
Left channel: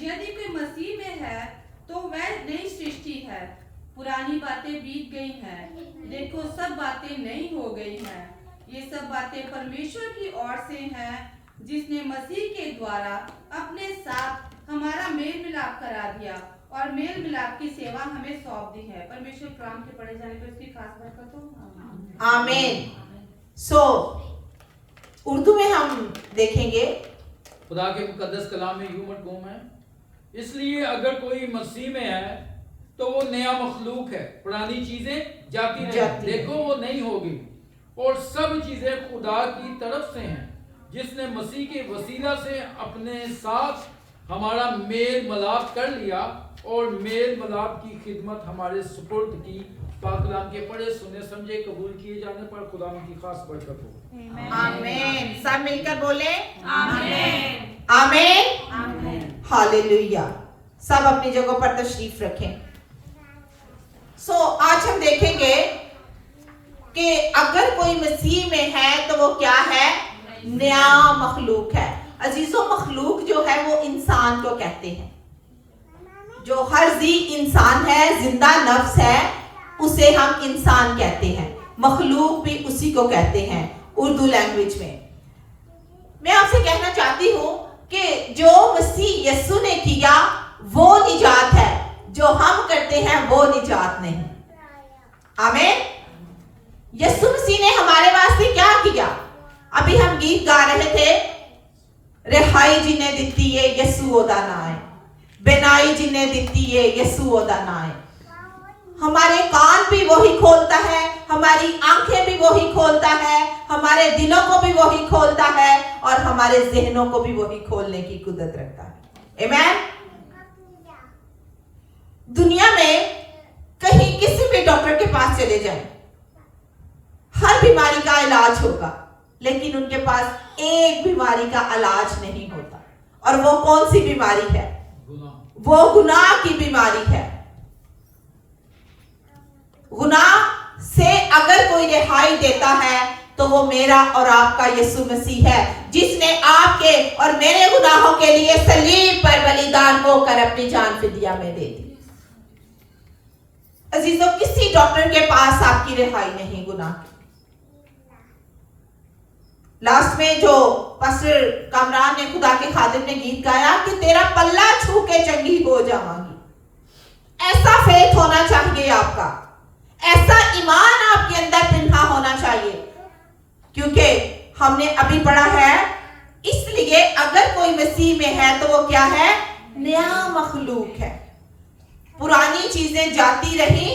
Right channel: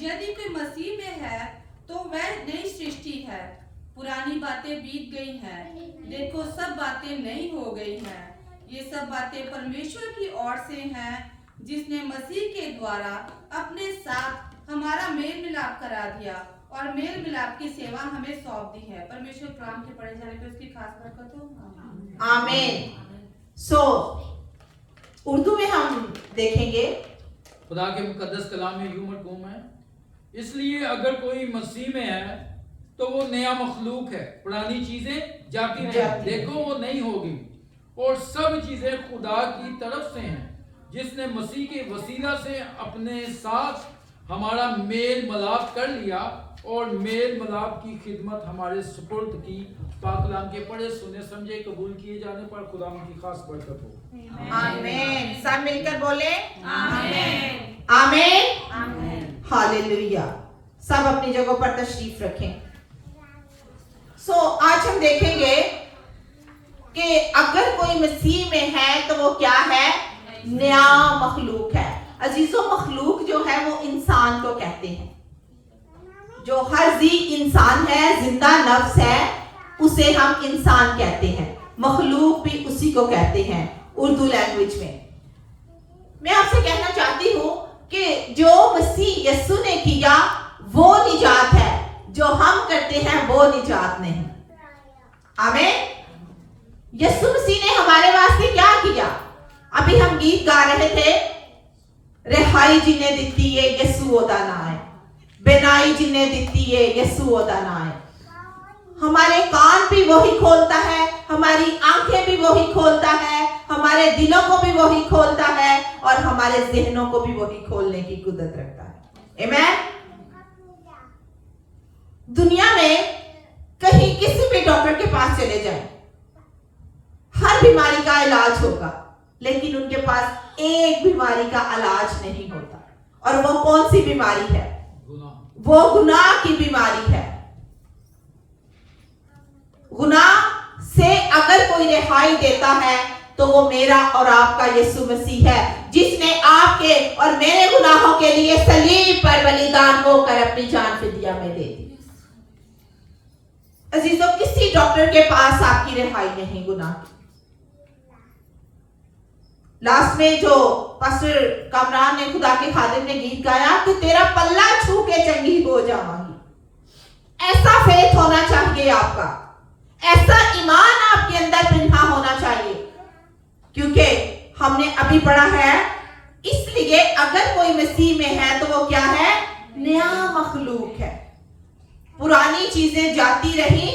यदि कोई मसीह में है तो वह नई सृष्टि है, पुरानी बातें बीत गई हैं, देखो सब बातें नई हो गई हैं। ये सब बातें परमेश्वर की ओर से हैं, जिसने मसीह के द्वारा अपने साथ हमारा मेल मिलाप करा दिया और मेल मिलाप की सेवा हमें सौंप दी है। परमेश्वर कलाम के पढ़े जाने पर उसकी खास बरकत हो। आमीन। उर्दू में हम देखेंगे। खुदा के मुकद्दस कलाम में यूं मरकूम है, इसलिए अगर कोई मसीह में है तो वो नया मखलूक है, पुरानी चीजें जाती रही, देखो वो नहीं होगी, और सब चीजें खुदा की तरफ से हैं, जिसने मसीह के वसीला से अपने साथ हमारा मेल मिलाप कर लिया और मेल मिलाप की खिदमत हमारे सुपुर्द की। पाक कलाम के पढ़े सुने समझे कबूल किए जाने पर खुदा की खास बरकत हो। आमीन। सब मिलकर बोले आमीन। आमीन। हालेलुया। सब अपनी जगहों पर तशरीफ रखें। आज हम देखेंगे कि अगर कोई मसीह में है तो वो क्या है? नया मखलूक है। अजीजों, मखलूक जो है वो इंसान को कहते हैं। जो हर जी इंसान है, जिंदा नफ्स है, उसे हम इंसान कहते हैं। मखलूक भी उसी को कहते हैं उर्दू लैंग्वेज में। मैं आपसे कहना चाहती हूँ कि जो मसीह यीशु ने किया वो निजात है, जो हम करते हैं वो निजात नहीं। आमीन। यीशु मसीह ने हमारे वास्ते क्या किया? अभी हम गीत गा रहे थे, रिहाई जिन्हें दिती है यीशु ओदा ना है, बेनाई जिन्हें दिती है यीशु ओदा ना है। हमारे कान भी वही खोलता है, हमारी आंखें भी वही खोलता है, हमारे दिलों को भी वही खोलता है और हमारे जहनों को भी वही खोलने की कुदरत रखता है। आमीन। दुनिया में कहीं किसी भी डॉक्टर के पास चले जाएं, हर बीमारी का इलाज होगा, लेकिन उनके पास एक बीमारी का इलाज नहीं होता। और वो कौन सी बीमारी है? वो गुनाह की बीमारी है। गुनाह से अगर कोई रिहाई देता है तो वो मेरा और आपका यीशु मसीह है, जिसने आपके और मेरे गुनाहों के लिए सलीब पर बलिदान होकर अपनी जान फिदिया में दे दी। अजीजों, किसी डॉक्टर के पास आपकी रिहाई नहीं गुनाह की। लास्ट में जो पास्टर कामरान ने, खुदा के खादिम ने गीत गाया कि तेरा पल्ला छू के चंगी हो जाऊंगी। ऐसा फेथ होना चाहिए आपका, ऐसा ईमान आपके अंदर पिन्हा होना चाहिए, क्योंकि हमने अभी पढ़ा है, इसलिए अगर कोई मसीह में है तो वो क्या है? नया मखलूक है। पुरानी चीजें जाती रही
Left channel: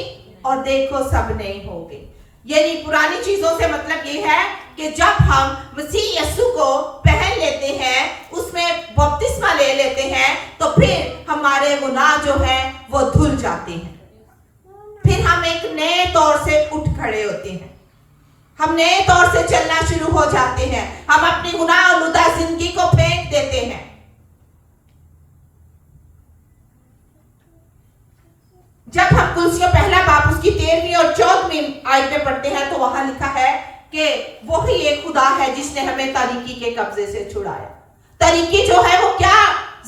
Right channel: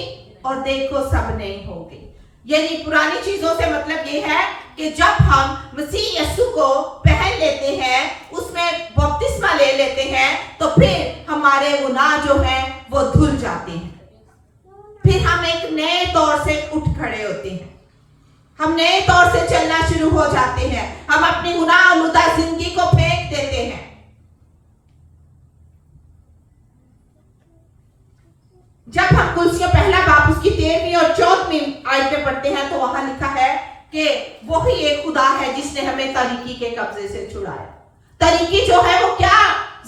और देखो सब नई हो गई। यानी पुरानी चीजों से मतलब ये है कि जब हम मसीह यीशु को पहन लेते हैं, उसमें बपतिस्मा ले लेते हैं, तो फिर हमारे गुनाह जो हैं वो धुल जाते हैं। फिर हम एक नए तौर से उठ खड़े होते हैं, हम नए तौर से चलना शुरू हो जाते हैं, हम अपनी गुनाह आलूदा जिंदगी को फेंक देते हैं। जब हम कुलसियों पहला बाब उसकी 13वीं और 14वीं आयत में पढ़ते हैं तो वहां लिखा है कि वही एक खुदा है जिसने हमें तारीकी के कब्जे से छुड़ाया। तारीकी जो है वो क्या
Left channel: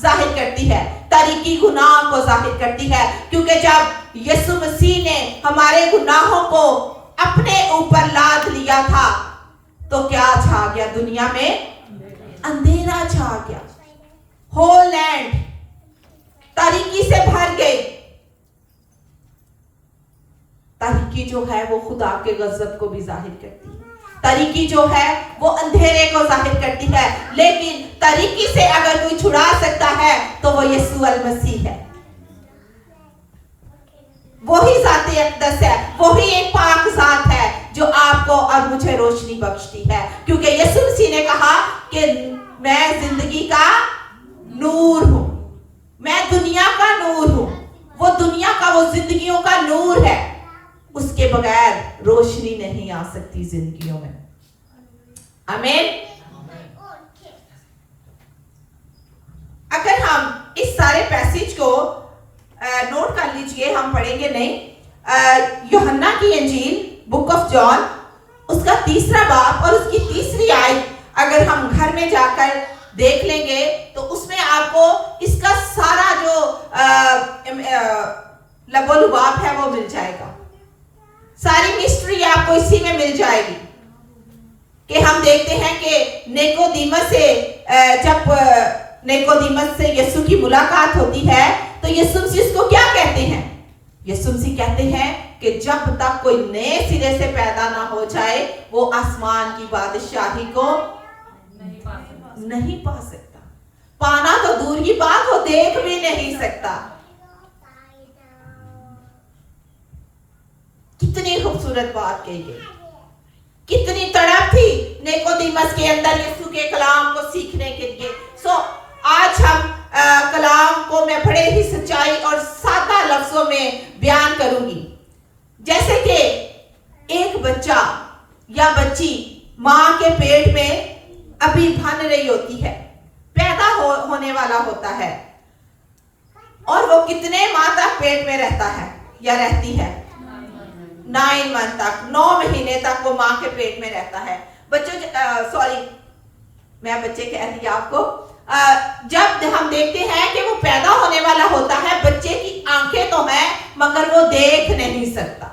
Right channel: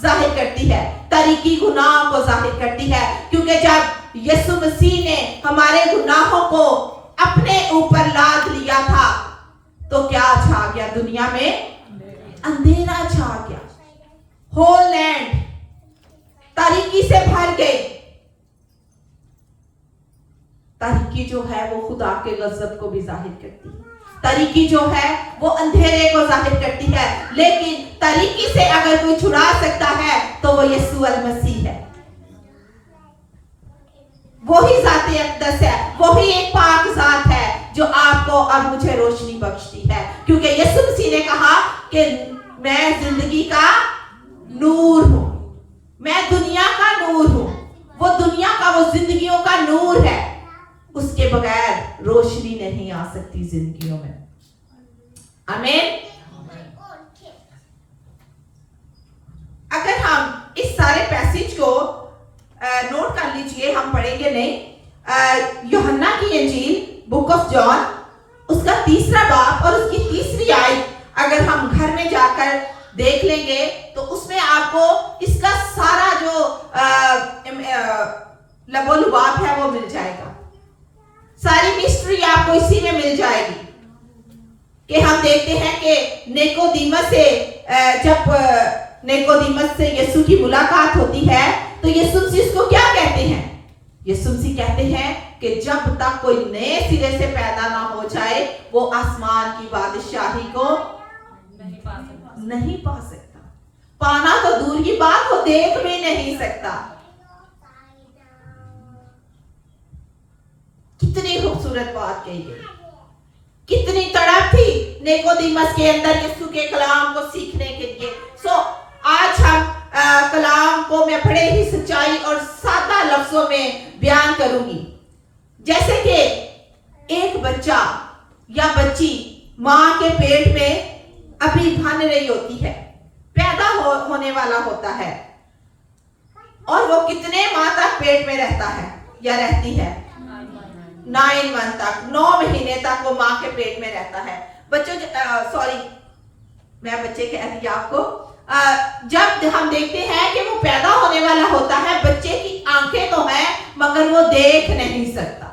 जाहिर करती है? तारीकी गुनाह को जाहिर करती है, क्योंकि जब यीशु मसीह ने हमारे गुनाहों को अपने ऊपर लाद लिया था तो क्या छा गया दुनिया में? अंधेरा छा गया। होल लैंड तारीकी से भर गई। तारीकी जो है वो खुदा के गजब को भी जाहिर करती है। तारीकी जो है वो अंधेरे को जाहिर करती है, लेकिन तारीकी से अगर कोई छुड़ा सकता है तो वो यीशु अल मसीह है। वही ज़ात-ए अक़दस है, वही एक पाक ज़ात है जो आपको और मुझे रोशनी बख्शती है, क्योंकि यीशु मसीह ने कहा कि मैं जिंदगी का नूर हूं, मैं दुनिया का नूर हूं। वो दुनिया का, वो जिंदगियों का नूर है, उसके बगैर रोशनी नहीं आ सकती जिंदगियों में। आमीन। ये हम पढ़ेंगे नहीं। यूहन्ना की इंजील बुक ऑफ जॉन उसका 3रा बाब और उसकी 3री आयत अगर हम घर में जाकर देख लेंगे तो उसमें आपको इसका सारा जो लबोलुबाब है वो मिल जाएगा। सारी मिस्ट्री आपको इसी में मिल जाएगी कि हम देखते हैं कि निकोदेमस से जब निकोदेमस से यीशु की मुलाकात होती है तो यीशु मसीह उसको क्या कहते हैं? यीशु मसीह कहते हैं कि जब तक कोई नए सिरे से पैदा ना हो जाए वो आसमान की बादशाही को नहीं पा सकता। पाना तो दूर की बात, वो देख भी नहीं सकता। कितनी खूबसूरत बात कही गई, कितनी तड़प थी निकोदेमस के अंदर यीशु के कलाम को सीखने के लिए। आज हम कलाम को मैं बड़े ही सच्चाई और सादा लफ्जों में बयान करूंगी। जैसे कि एक बच्चा या बच्ची मां के पेट में अभी बन रही होती है, पैदा होने वाला होता है, और वो कितने माह तक पेट में रहता है या रहती है? 9 मंथ तक, 9 महीने तक वो माँ के पेट में रहता है। बच्चों सॉरी मैं बच्चे कह दिया आपको। जब हम देखते हैं कि वो पैदा होने वाला होता है, बच्चे की आंखें तो हैं मगर वो देख नहीं सकता।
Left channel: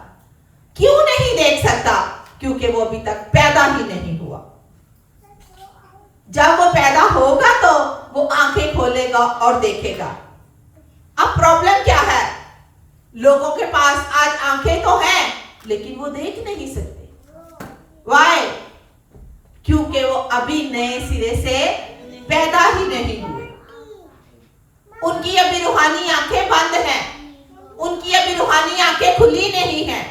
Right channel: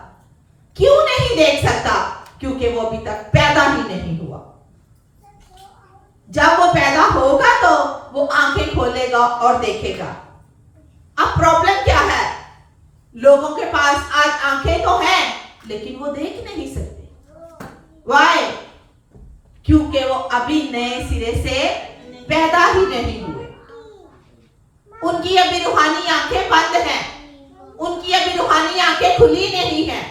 क्यों नहीं देख सकता? क्योंकि वो अभी तक पैदा ही नहीं हुआ। जब वो पैदा होगा तो वो आंखें खोलेगा और देखेगा। अब प्रॉब्लम क्या है? लोगों के पास आज आंखें तो हैं लेकिन वो देख नहीं सकते। Why? क्योंकि वो अभी नए सिरे से पैदा ही नहीं हुए। उनकी अभी रूहानी आंखें बंद हैं, उनकी अभी रूहानी आंखें खुली नहीं हैं,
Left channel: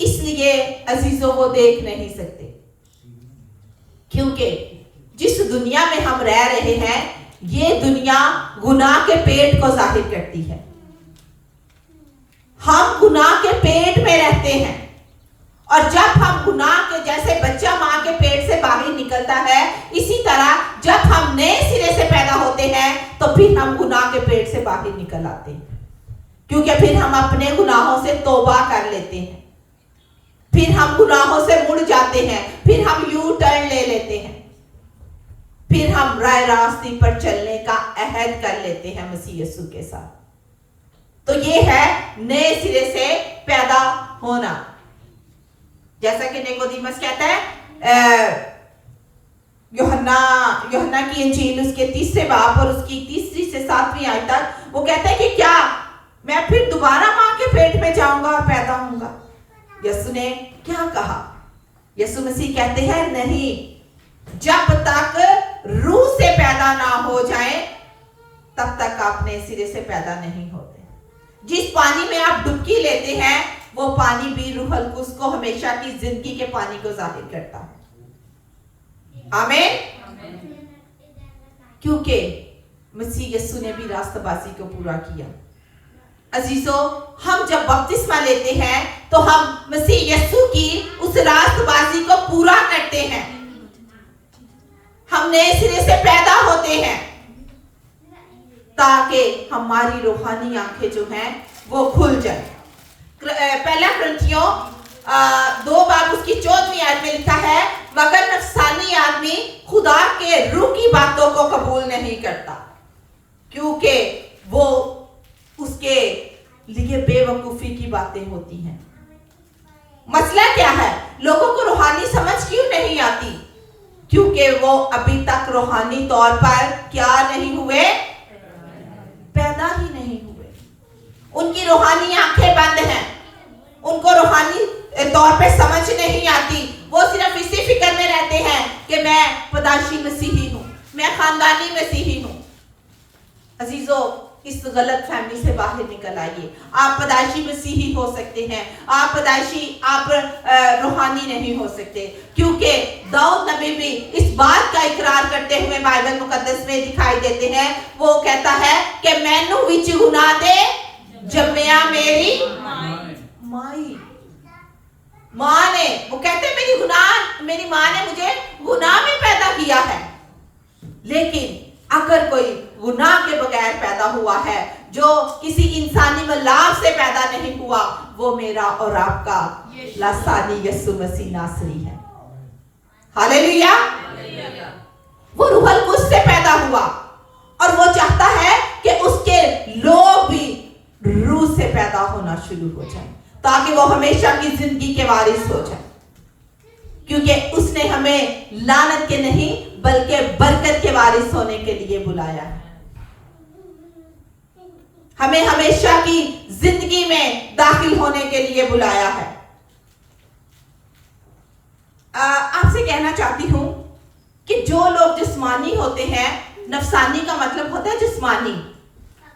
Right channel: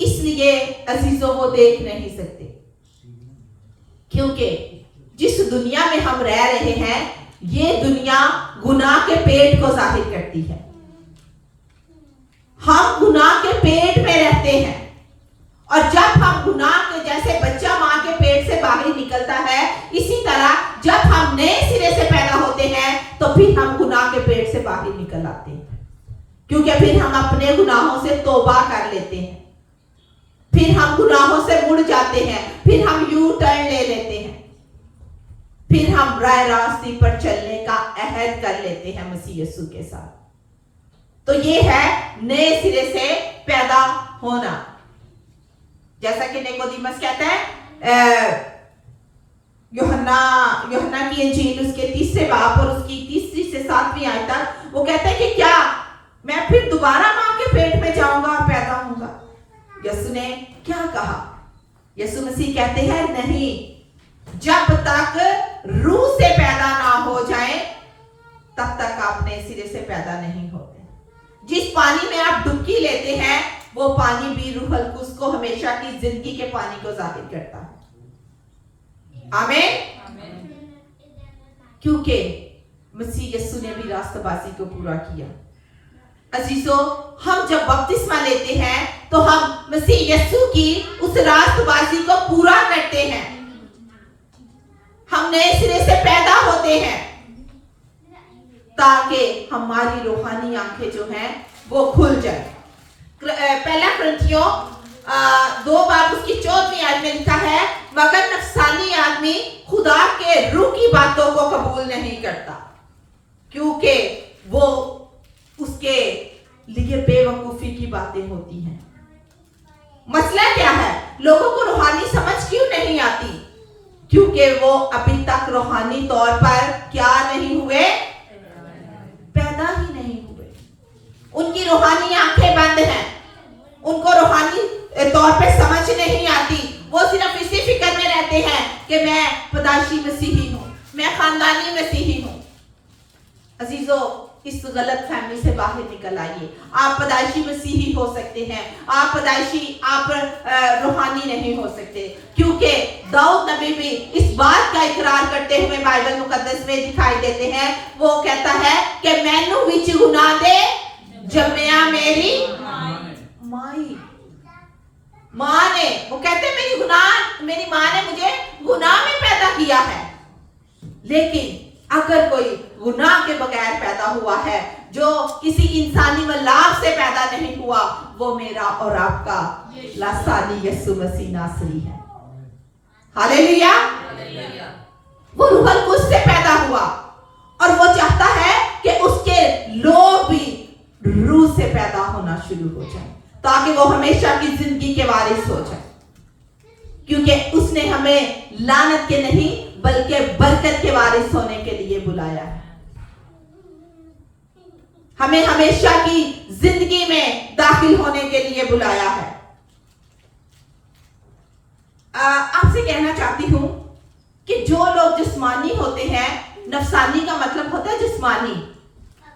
इसलिए अजीजों वो देख नहीं सकते। क्योंकि जिस दुनिया में हम रह रहे हैं ये दुनिया गुनाह के पेट को जाहिर करती है। हम गुनाह के पेट में रहते हैं, और जब हम गुनाह के जैसे बच्चा मां के पेट से बाहर निकलता है, इसी तरह जब हम नए सिरे से पैदा होते हैं तो फिर हम गुनाह के पेट से बाहर निकल आते हैं। क्योंकि फिर हम अपने गुनाहों से तौबा कर लेते हैं, फिर हम गुनाहों से मुड़ जाते हैं, फिर हम यू टर्न ले लेते हैं, फिर हम राह रास्ते पर चलने का अहद कर लेते हैं मसीह यीशु के साथ। तो ये है नए सिरे से पैदा होना। जैसा कि निकोदेमस कहता है, यूहन्ना की इंजील उसके 3रे बाब और उसकी 3री से 7वीं आयत तक वो कहता है कि क्या मैं फिर दोबारा मां के पेट में जाऊंगा और पैदा होऊंगा? यीशु ने क्या कहा? यीशु मसीह कहते हैं नहीं, जब तक रूह से पैदा ना हो जाए तब तक आप नए सिरे से पैदा नहीं होते। जिस पानी में आप डुबकी लेते हैं वो पानी भी रूहुल कुद्स को हमेशा की जिंदगी के पानी को जाहिर करता है। आमीन। क्योंकि मसीह यीशु ने भी रास्तबाजी को पूरा किया। अजीजों, हम जब बपतिस्मा लेते हैं तो हम मसीह यीशु की उस रास्तबाजी को पूरा करते हैं। हम नए सिरे से पैदा होते हैं ताकि हमारी रूहानी आंखें जो हैं वो खुल जाए। पहला कुरिन्थियों 2 बाब उसकी 14वीं आयत में लिखा है, मगर नफसानी आदमी खुदा के रूह की बातों को कबूल नहीं करता क्योंकि वो उसके लिए बेवकूफी की बातें होती हैं। मसला क्या है? लोगों को रूहानी समझ क्यों नहीं आती? क्योंकि वो अभी तक रूहानी तौर पर क्या नहीं हुए? पैदा ही नहीं हुए। उनकी रूहानी आंखें बंद हैं, उनको रूहानी तौर पे समझ नहीं आती। वो सिर्फ इसी फिक्र में रहते हैं कि मैं पैदाइशी मसीही हूं, मैं खानदानी मसीही हूं। अजीजों, इस गलत फहमी से बाहर निकल आइए। आप पैदाइशी मसीही हो सकते हैं, आप पैदाइशी आप रूहानी नहीं हो सकते। क्योंकि दाऊद नबी भी इस बात का इकरार करते हुए बाइबल मुकद्दस में दिखाई देते हैं। वो कहता है कि मैनू विच गुनाह दे जम्मिया मेरी माई। मां ने, वो कहते हैं मेरी मां ने मुझे गुनाह में पैदा किया है। लेकिन अगर कोई गुनाह के बगैर पैदा हुआ है, जो किसी इंसानी मलाव से पैदा नहीं हुआ, वो मेरा और आपका लासानी यीशु मसीह नासरी है। हालेलुया। वो रूहल कुछ से पैदा हुआ और वो चाहता है कि उसके लोग भी रूह से पैदा होना शुरू हो जाए, ताकि वो हमेशा की जिंदगी के वारिस हो जाए, क्योंकि उसने हमें लानत के नहीं बल्कि बरकत के वारिस होने के लिए बुलाया है। हमें हमेशा की जिंदगी में दाखिल होने के लिए बुलाया है। आपसे कहना चाहती हूं कि जो लोग जिस्मानी होते हैं, नफसानी का मतलब होता है जिस्मानी,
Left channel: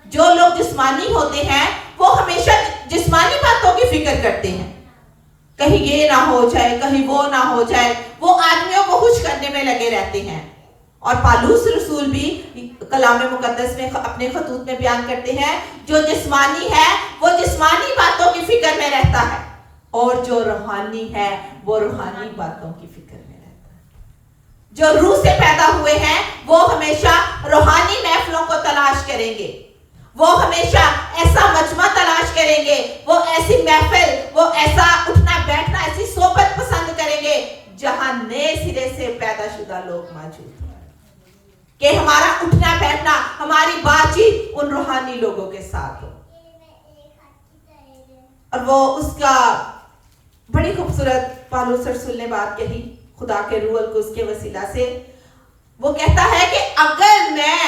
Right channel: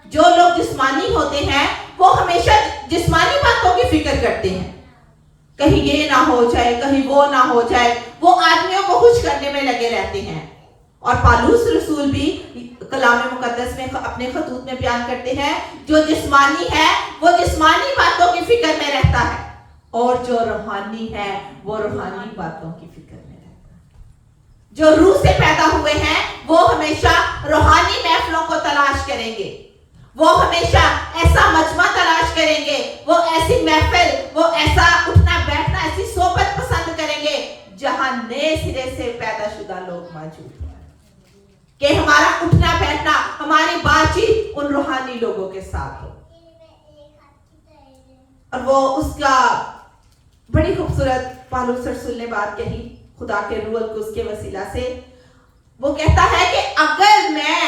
जो लोग जिस्मानी होते हैं वो हमेशा जिस्मानी बातों की फिक्र करते हैं, कहीं ये ना हो जाए, कहीं वो ना हो जाए, वो आदमियों को खुश करने में लगे रहते हैं। और पालूस रसूल भी कलाम मुकद्दस में अपने खतूत में बयान करते हैं, जो जिस्मानी है वो जिस्मानी बातों की फिक्र में रहता है, और जो रूहानी है वो रूहानी बातों की फिक्र में रहता है। जो रूह से पैदा हुए हैं वो हमेशा रूहानी महफिलों को तलाश करेंगे, वो हमेशा ऐसा मजमा तलाश करेंगे, वो ऐसी महफिल, वो ऐसा उठना बैठना, ऐसी सोबत पसंद करेंगे जहां नए सिरे से पैदाशुदा लोग मौजूद हैं, कि हमारा उठना बैठना, हमारी बातचीत उन रूहानी लोगों के साथ हो। और वो उसका बड़ी खूबसूरत पालूस रसूल ने बात कही खुदा के रूह को उसके वसीला से। वो कहता है कि अगर मैं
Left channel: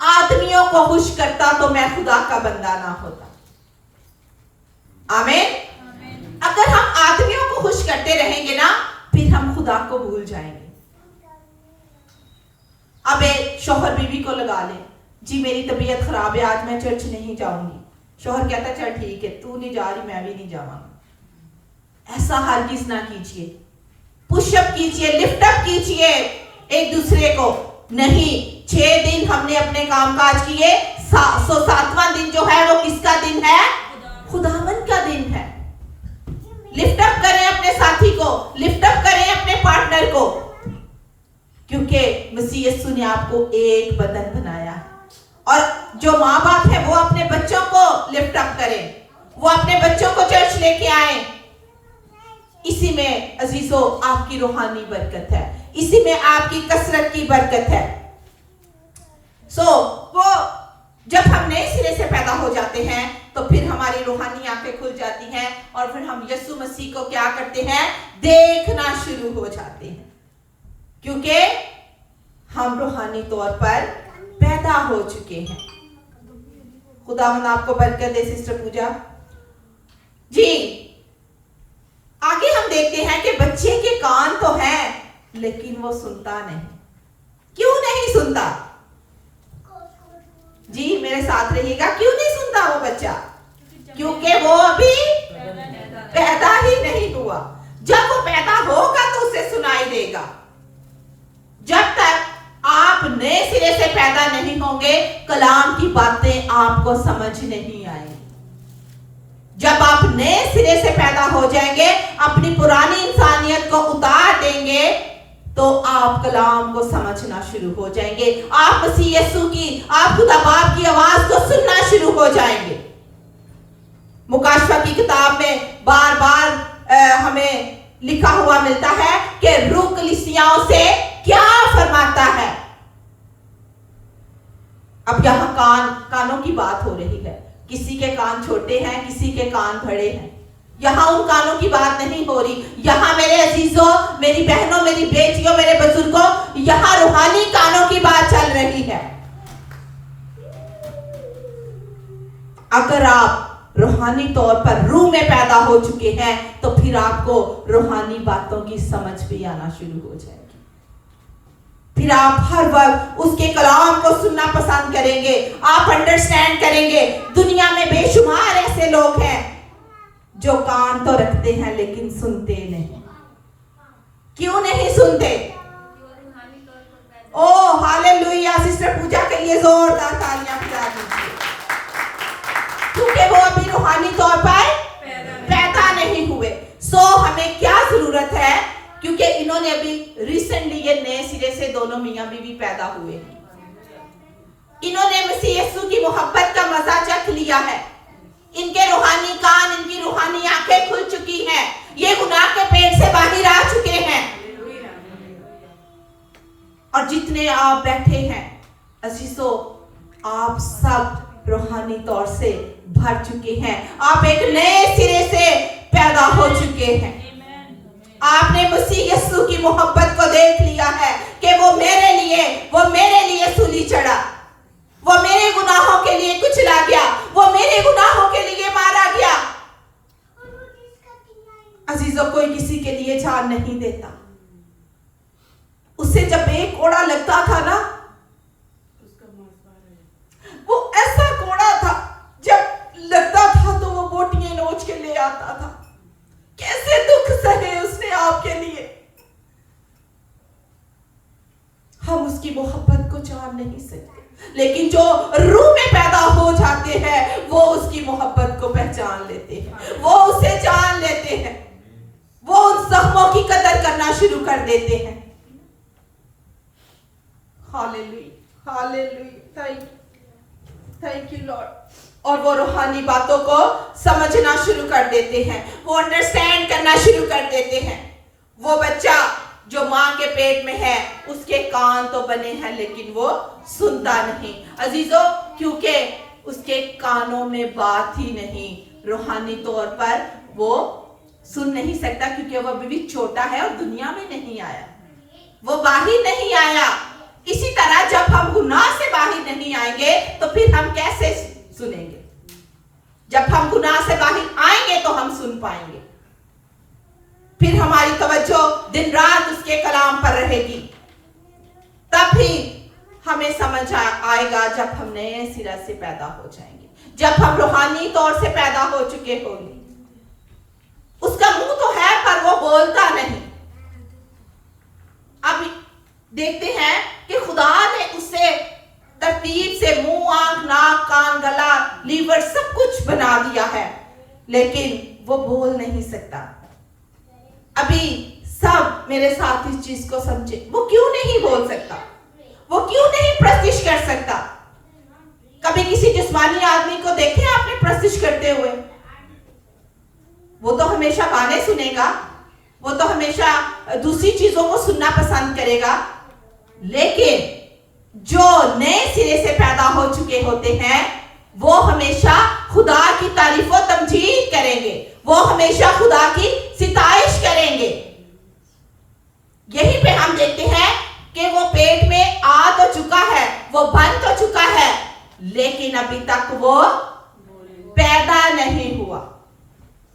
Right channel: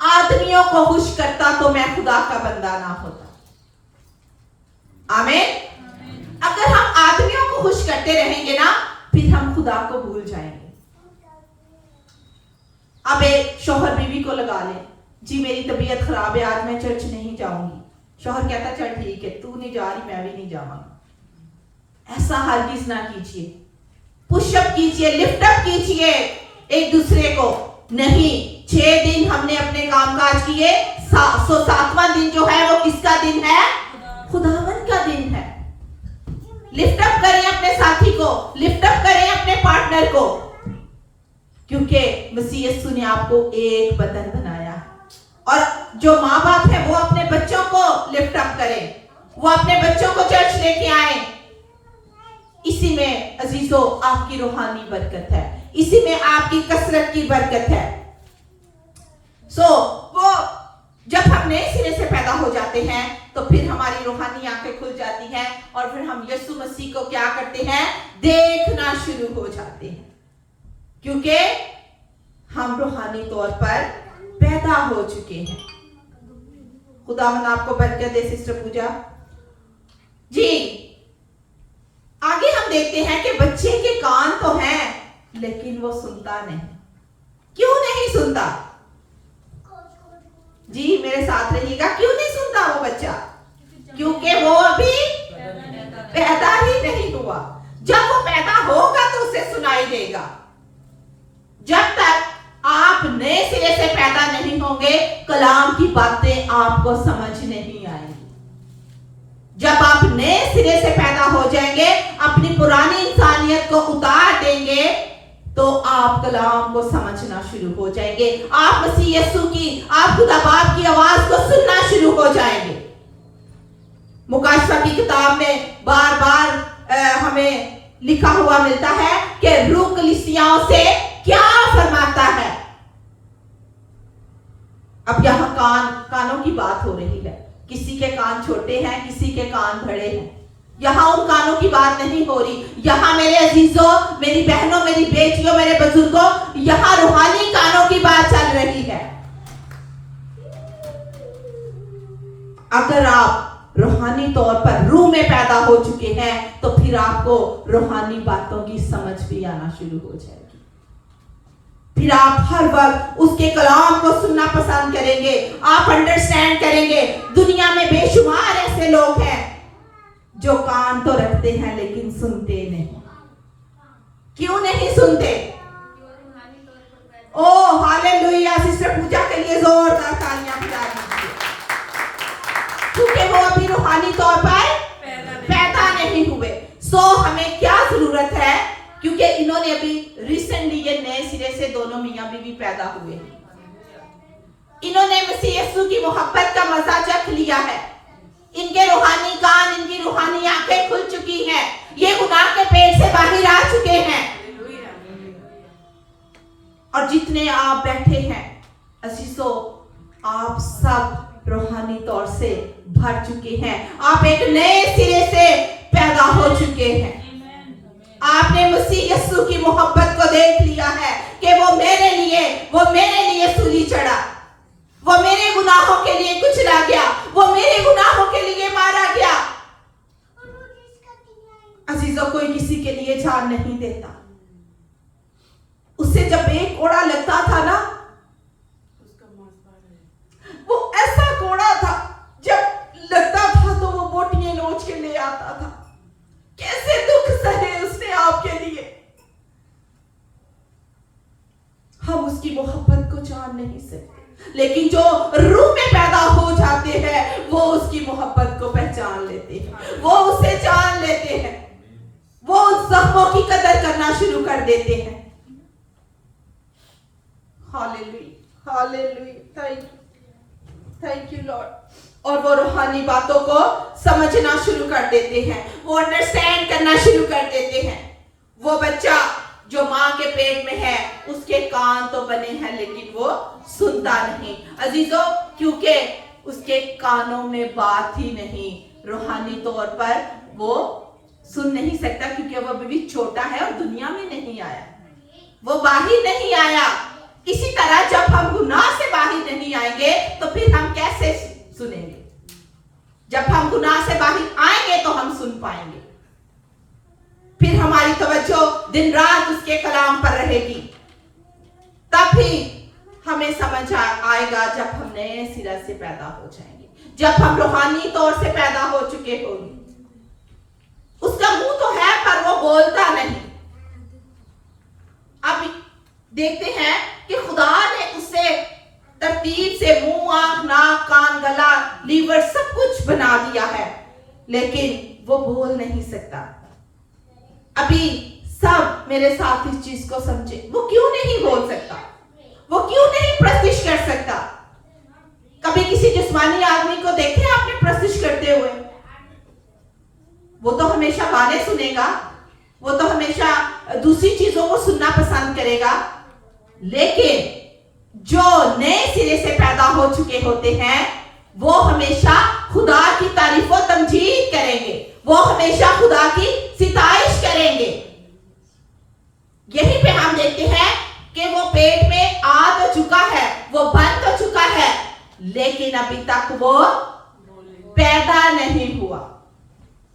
आदमियों को खुश करता तो मैं खुदा का बंदा ना होता। आमीन। अगर हम आदमियों को खुश करते रहेंगे ना, फिर हम खुदा को भूल जाएंगे। अब एक शौहर बीवी को लगा ले, जी मेरी तबीयत खराब है, आज मैं चर्च नहीं जाऊंगी। शौहर कहता है चल ठीक है, तू नहीं जा रही मैं भी नहीं जाऊंगा। ऐसा हरगिज ना कीजिए। पुशअप कीजिए, लिफ्ट अप कीजिए एक दूसरे को। नहीं, 6 दिन हमने अपने कामकाज किए, 7वां दिन जो है वो किसका दिन है? खुदावन का दिन है। लिफ्ट अप करें अपने साथी को, लिफ्ट अप करें अपने पार्टनर को, क्योंकि मसीह यीशु ने आपको एक बदन बनाया है। और जो माँ बाप है वो अपने बच्चों को लिफ्ट अप करें, वो अपने बच्चों को चर्च लेके आए। इसी में अजीजों आपकी रूहानी बरकत है, इसी में आपकी कसरत की बरकत है। वो जब हम नए सिरे से पैदा हो जाते हैं तो फिर हमारी रूहानी आंखें खुल जाती हैं और फिर हम यीशु मसीह को क्या करते हैं? देखना शुरू हो जाते हैं, क्योंकि हम रूहानी तौर पर पैदा हो चुके हैं। खुदावंद आपको बरकत दे सिस्टर पूजा जी। आगे हम देखते हैं कि बच्चे के कान तो हैं लेकिन वो सुनता नहीं। क्यों नहीं सुनता? जी मेरे साथ रहिएगा। क्यों नहीं सुनता वो बच्चा? क्योंकि वो अभी पैदा ही नहीं हुआ। जब वो पैदा होगा तो उसे सुनाई देगा। जब तक आप नए सिरे से पैदा नहीं होंगे, कलाम की बातें आपको समझ नहीं आएंगी। जब आप नए सिरे से पैदा हो जाएंगे, अपनी पुरानी इंसानियत को उतार देंगे, तो आप कलाम को समझना शुरू हो जाएंगे। आप मसीह यीशु की, आप खुदा बाप की आवाज को सुनना शुरू हो जाएंगे। मुकाशफा की किताब में बार बार हमें लिखा हुआ मिलता है कि रूह कलीसियाओं से क्या फरमाता है। अब यहां कानों की बात हो रही है। किसी के कान छोटे हैं, किसी के कान बड़े हैं। यहां उन कानों की बात नहीं हो रही। यहां मेरे अजीजों, मेरी बहनों, मेरी बेटियों, मेरे बुजुर्गों, यहां रूहानी कानों की बात चल रही है। अगर आप रूहानी तौर पर रूह में पैदा हो चुके हैं तो फिर आपको रूहानी बातों की समझ भी आना शुरू हो जाएगी। फिर आप हर वक्त उसके कलाम को सुनना पसंद करेंगे, आप अंडरस्टैंड करेंगे। दुनिया में बेशुमार ऐसे लोग हैं जो कान तो रखते हैं लेकिन सुनते नहीं। क्यों नहीं सुनते? ओ हालेलुया, सिस्टर पूजा के लिए जोरदार तालियां बजा दीजिए, क्योंकि वो अभी रूहानी तौर पर पैदा नहीं हुए। हमें क्या जरूरत है? क्योंकि इन्होंने अभी रिसेंटली ये नए सिरे से दोनों मियां बीवी पैदा हुए हैं। इन्होंने मसीह यीशु की मोहब्बत का मजा चख लिया है। इनके रूहानी कान, इनकी रूहानी आंखें खुल चुकी हैं। ये गुनाह के पेट से बाहर आ चुके हैं। और जितने आप बैठे हैं अजीजों, आप सब रूहानी तौर से भर चुके हैं। आप एक नए सिरे से पैदा हो चुके हैं। आपने मसीह यीशु की मोहब्बत को देख लिया है कि वो मेरे लिए सूली चढ़ा, वो मेरे गुनाहों के लिए कुचला गया, वो मेरे गुनाहों के लिए मारा गया। अजीजों, कोई किसी के लिए जान नहीं देता। उससे जब एक कोड़ा लगता था ना, वो ऐसा कोड़ा था, जब लगता था तो वो बोटियां नोच के ले आता था। कैसे दुख सहे उसने आपके लिए। हम उसकी मोहब्बत को जान नहीं सकते, लेकिन जो रूह में पैदा हो जाते हैं वो उसकी मोहब्बत को पहचान लेते हैं, वो उसे जान लेते हैं, वो उन सहमों की कदर करना शुरू कर देते हैं। Hallelujah, hallelujah, thank you Lord. और वो रूहानी बातों को समझना शुरू कर देते हैं, वो अंडरस्टैंड करना शुरू कर देते हैं। वो बच्चा जो माँ के पेट में है, उसके कान तो बने हैं लेकिन वो सुनता नहीं अजीजों, क्योंकि उसके कानों में बात ही नहीं। रूहानी तौर पर वो सुन नहीं सकता क्योंकि वो अभी भी छोटा है और दुनिया में नहीं आया, वो बाहर नहीं आया। इसी तरह जब हम गुनाह से बाहर नहीं आएंगे तो फिर हम कैसे सुनेंगे? जब हम गुनाह से बाहर आएंगे तो हम सुन पाएंगे। फिर हमारी तवज्जो दिन रात उसके कलाम पर रहेगी। तब भी हमें समझ आएगा जब हम नए सिरे से पैदा हो जाएंगे, जब हम रूहानी तौर से पैदा हो चुके होंगे। उसका मुंह तो है पर वो बोलता नहीं। अब देखते हैं कि खुदा ने उसे तरतीब से मुंह, आंख, नाक, कान, गला, लीवर सब कुछ बना दिया है, लेकिन वो बोल नहीं सकता। अभी सब मेरे साथ इस चीज को समझे, वो क्यों नहीं बोल सकता, वो क्यों नहीं प्रस्तिश कर सकता। कभी किसी जिस्मानी आदमी को देखे आपने प्रस्तिश करते हुए? वो तो हमेशा गाने सुनेगा, वो तो हमेशा दूसरी चीजों को सुनना पसंद करेगा। लेकिन जो नए सिरे से पैदा हो चुके होते हैं वो हमेशा खुदा की तारीफ और तमजीद करेंगे, वो हमेशा खुदा की सिताइश करेंगे। यहीं पे हम देखते हैं कि वो पेट में आ तो चुका है, वो बन तो चुका है, लेकिन अभी तक वो पैदा नहीं हुआ,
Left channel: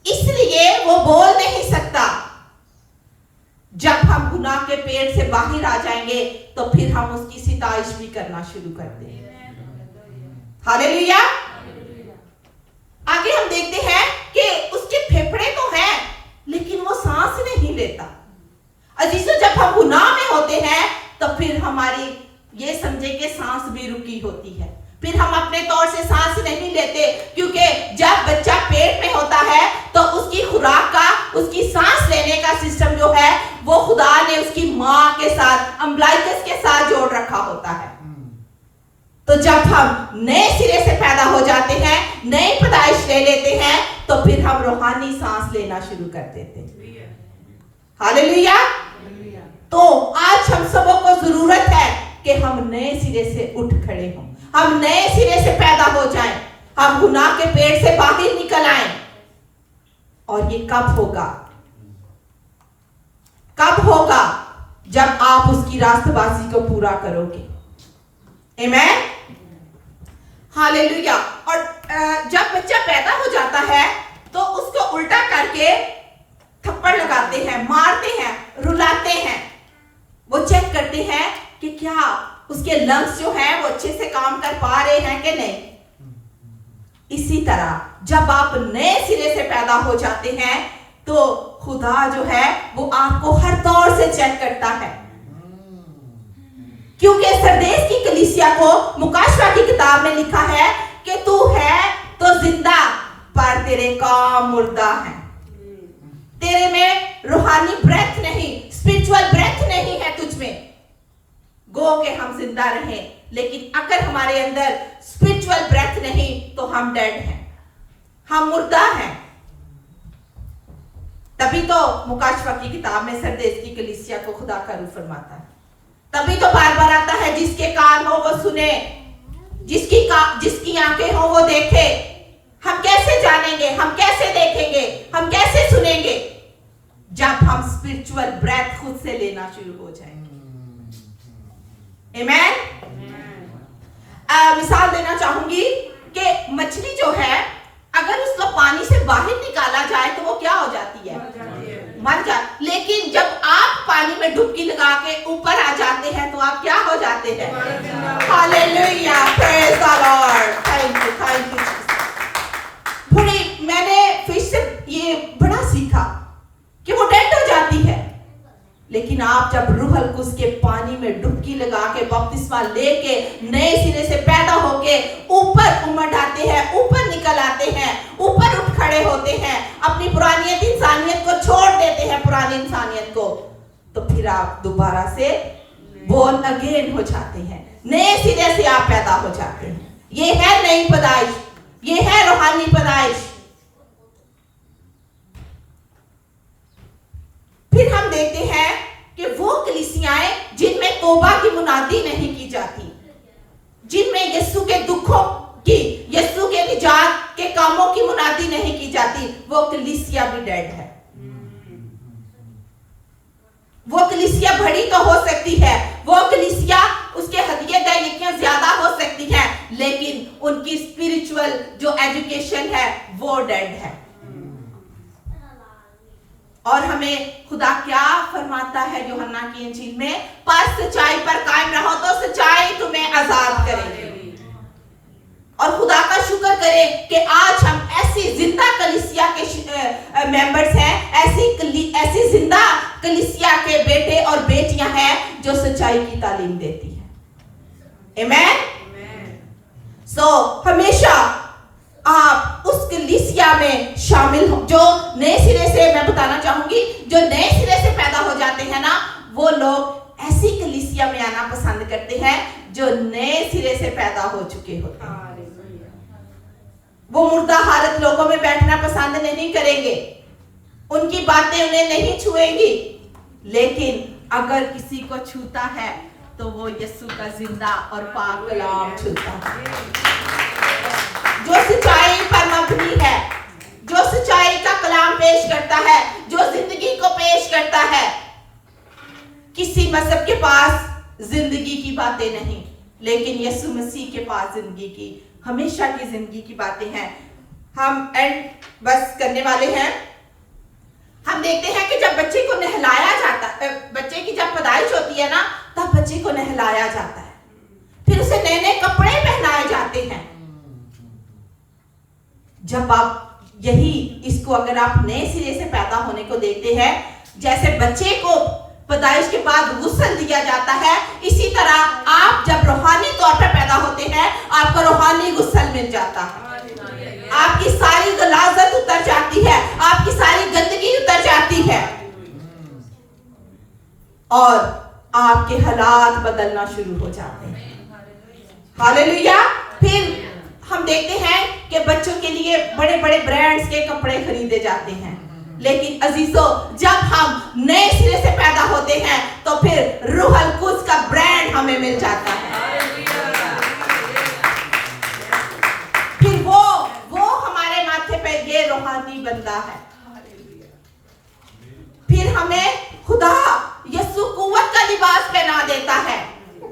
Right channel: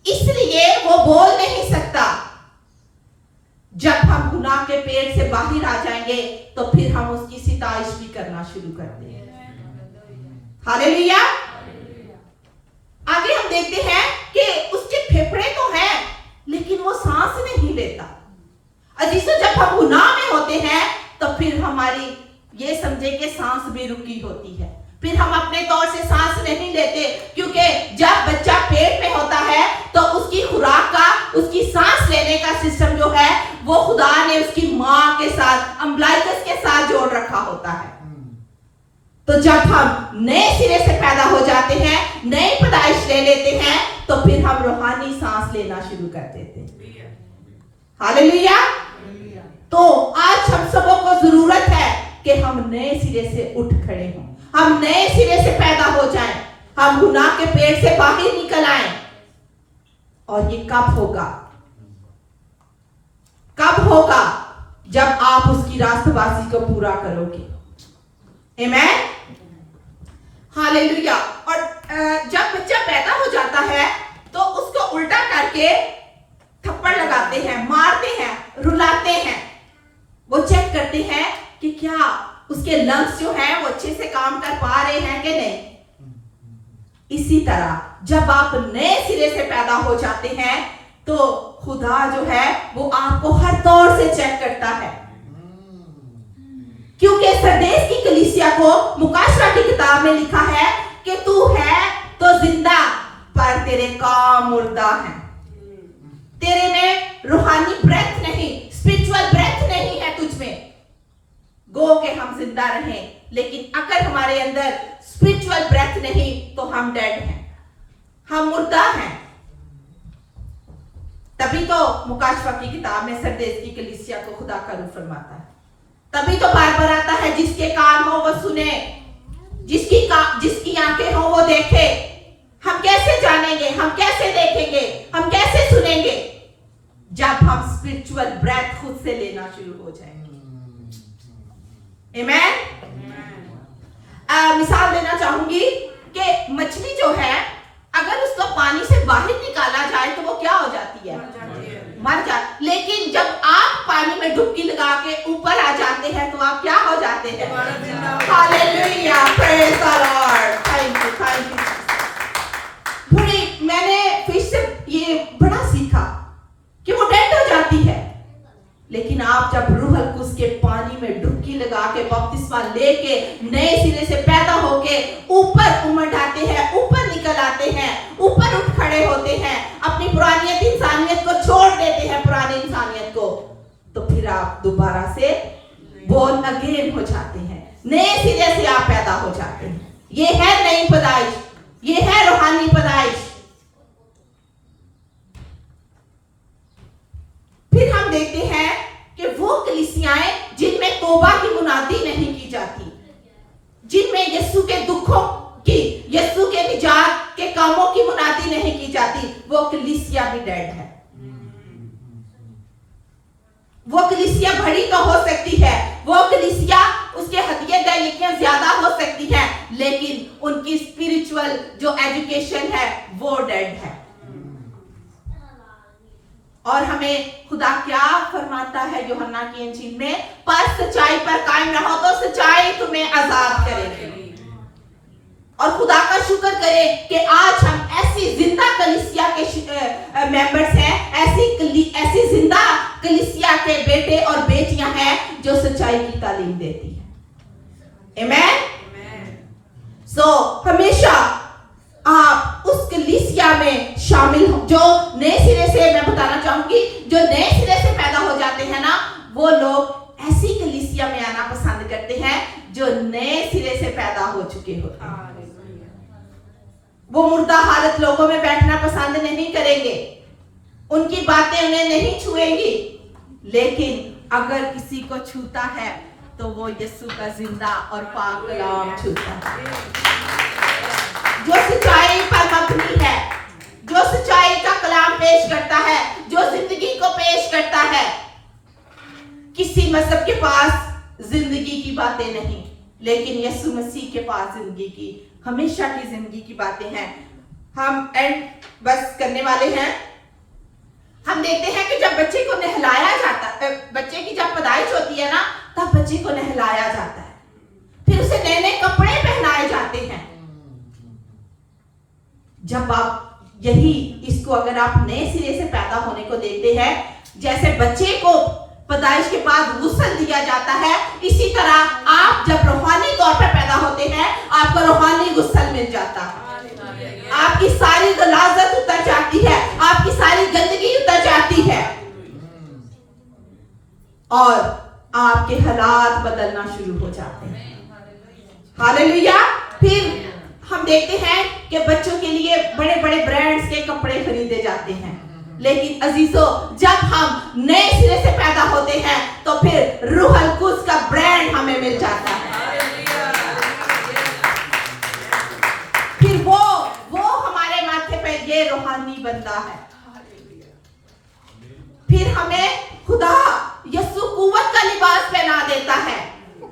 इसलिए वो बोल नहीं सकता। जब हम गुनाह के पेट से बाहर आ जाएंगे तो फिर हम उसकी सिताइश भी करना शुरू कर देंगे। हालेलुया। आगे हम देखते हैं कि उसके फेफड़े तो हैं लेकिन वो सांस नहीं लेता। अजीजों, जब हम गुनाह में होते हैं तो फिर हमारी ये समझे कि सांस भी रुकी होती है, फिर हम अपने तौर से सांस नहीं लेते, क्योंकि जब बच्चा पेट में होता है तो उसकी खुराक का, उसकी सांस लेने का सिस्टम जो है वो खुदा ने उसकी माँ के साथ, अम्बलाइकस के साथ जोड़ रखा होता है। तो जब हम नए सिरे से पैदा हो जाते हैं, नई पैदाइश ले लेते हैं, तो फिर हम रूहानी सांस लेना शुरू कर देते हैं। हालेलुया। तो आज हम सबों को जरूरत है कि हम नए सिरे से उठ खड़े हों, हम नए सिरे से पैदा हो जाएं, हम गुनाह के पेट से बाहर निकल आएं। और ये कब होगा? कब होगा? जब आप उसकी रास्तबाजी को पूरा करोगे। आमीन। हालेलुया। और जब बच्चा पैदा हो जाता है तो उसको उल्टा करके थप्पड़ लगाते हैं, मारते हैं, रुलाते हैं। वो चेक करते हैं कि क्या उसके लंग्स जो हैं वो अच्छे से काम कर पा रहे हैं कि नहीं। इसी तरह जब आप नए सिरे से पैदा हो जाते हैं तो खुदा जो है वो आपको हर तौर से चेक करता है, क्योंकि सरदेश की कलीसिया को मुकाशवा की किताब में लिखा है कि तू है तो जिंदा पर तेरे काम मुर्दा हैं। तेरे में रूहानी ब्रेथ नहीं, स्पिरिचुअल ब्रेथ नहीं है तुझ में। गो के हम जिंदा रहें, लेकिन अगर हमारे अंदर स्पिरिचुअल ब्रेथ नहीं तो हम डेड हैं, हम मुर्दा हैं। तभी तो मुकाशवा की किताब में सरदेश की कलीसिया को खुदा का रूह फरमाता है। तभी तो बार बार आता है, जिसके कान हो वो सुने, जिसकी आंखें हो वो देखे। हम कैसे जानेंगे, हम कैसे देखेंगे, हम कैसे सुनेंगे? जब हम स्पिरिचुअल ब्रेथ खुद से लेना शुरू हो जाएंगे। आमेन। मिसाल देना चाहूंगी कि मछली जो है, अगर उसको पानी से बाहर निकाला जाए तो वो क्या हो जाती है? मर जाती। लेकिन जब आप पानी में डुबकी लगा के ऊपर आ जाते हैं तो आप क्या हो जाते हैं? Hallelujah, praise the Lord, thank you. मैंने फिश से ये बड़ा सीखा कि वो डेड हो जाती है, लेकिन आप जब रूह अल कुद्स के पानी में डुबकी लगा के बपतिस्मा लेके नए सिरे से पैदा होके ऊपर उमड़ आते हैं, ऊपर निकल आते हैं, ऊपर उठ खड़े होते हैं, अपनी पुरानी इंसानियत को छोड़ देते हैं, पुरानी इंसानियत को, तो फिर आप दोबारा से बोर्न अगेन हो जाते हैं, नए सिरे से आप पैदा हो जाते हैं। ये है नई पैदाइश, ये है रूहानी पैदाइश। फिर हम देखते हैं कि वो कलीसियाएं जिनमें तौबा की मुनादी नहीं की जाती, जिनमें यीशु के दुखों की, यीशु के निजात के कामों की मुनादी नहीं की जाती, वो कलीसिया भी डेड है। वो कलीसिया बड़ी तो हो सकती है, वो कलीसिया उसके हदिये दायिकियां ज्यादा हो सकती है, लेकिन उनकी स्पिरिचुअल जो एजुकेशन है वो डेड है। और हमें खुदा क्या फरमाता है यूहन्ना की इंजील में? पर सच्चाई पर कायम रहो तो सच्चाई तुम्हें आजाद करेगी। और खुदा का शुक्र करें कि आज हम ऐसी जिंदा कलीसिया के मेंबर्स हैं, ऐसी जिंदा कलीसिया के बेटे और बेटियां हैं जो सच्चाई की तालीम देती है। आमेन। सो हमेशा आप उस कलीसिया में शामिल हो। जो नए सिरे से, मैं बताना चाहूंगी, जो नए सिरे से पैदा हो जाते हैं ना, वो लोग ऐसी कलीसिया में आना पसंद करते हैं जो नए सिरे से पैदा हो चुके होते हैं। वो मुर्दा हालत लोगों में बैठना पसंद नहीं करेंगे, उनकी बातें उन्हें नहीं छुएंगी, लेकिन अगर किसी को छूता है तो वो यीशु का जिंदा और पाक कलाम छूता है, जो सच्चाई पर मबनी है, जो सच्चाई का कलाम पेश करता है, जो जिंदगी को पेश करता है। किसी मजहब के पास जिंदगी की बातें नहीं, लेकिन यीशु मसीह के पास जिंदगी की, हमेशा की जिंदगी की बातें हैं। हम एंड बस करने वाले हैं। हम देखते हैं कि जब बच्चे को नहलाया जाता है, बच्चे की जब पैदाइश होती है ना, तब बच्चे को नहलाया जाता है, फिर उसे नए नए कपड़े पहनाए जाते हैं। जब आप इसको अगर आप नए सिरे से पैदा होने को देखते हैं, जैसे बच्चे को पैदाइश के बाद गुस्ल दिया जाता है, इसी तरह आप जब रूहानी तौर पर पैदा होते हैं, आपको रूहानी गुस्ल मिल जाता है। आपकी सारी गलाजत उतर जाती है, आपकी सारी गंदगी उतर जाती है, और आपके हालात बदलना शुरू हो जाते हैं। हालेलुया। फिर हम देखते हैं कि बच्चों के लिए बड़े बड़े ब्रांड्स के कपड़े खरीदे जाते हैं, लेकिन अजीजों, जब हम नए सिरे से पैदा होते हैं तो फिर रूह अल कुद्स का ब्रांड हमें मिल जाता है। फिर वो हमारे माथे पर ये रूहानी बनता है। फिर हमें खुदा यीशु कुव्वत का लिबास पहना देता है।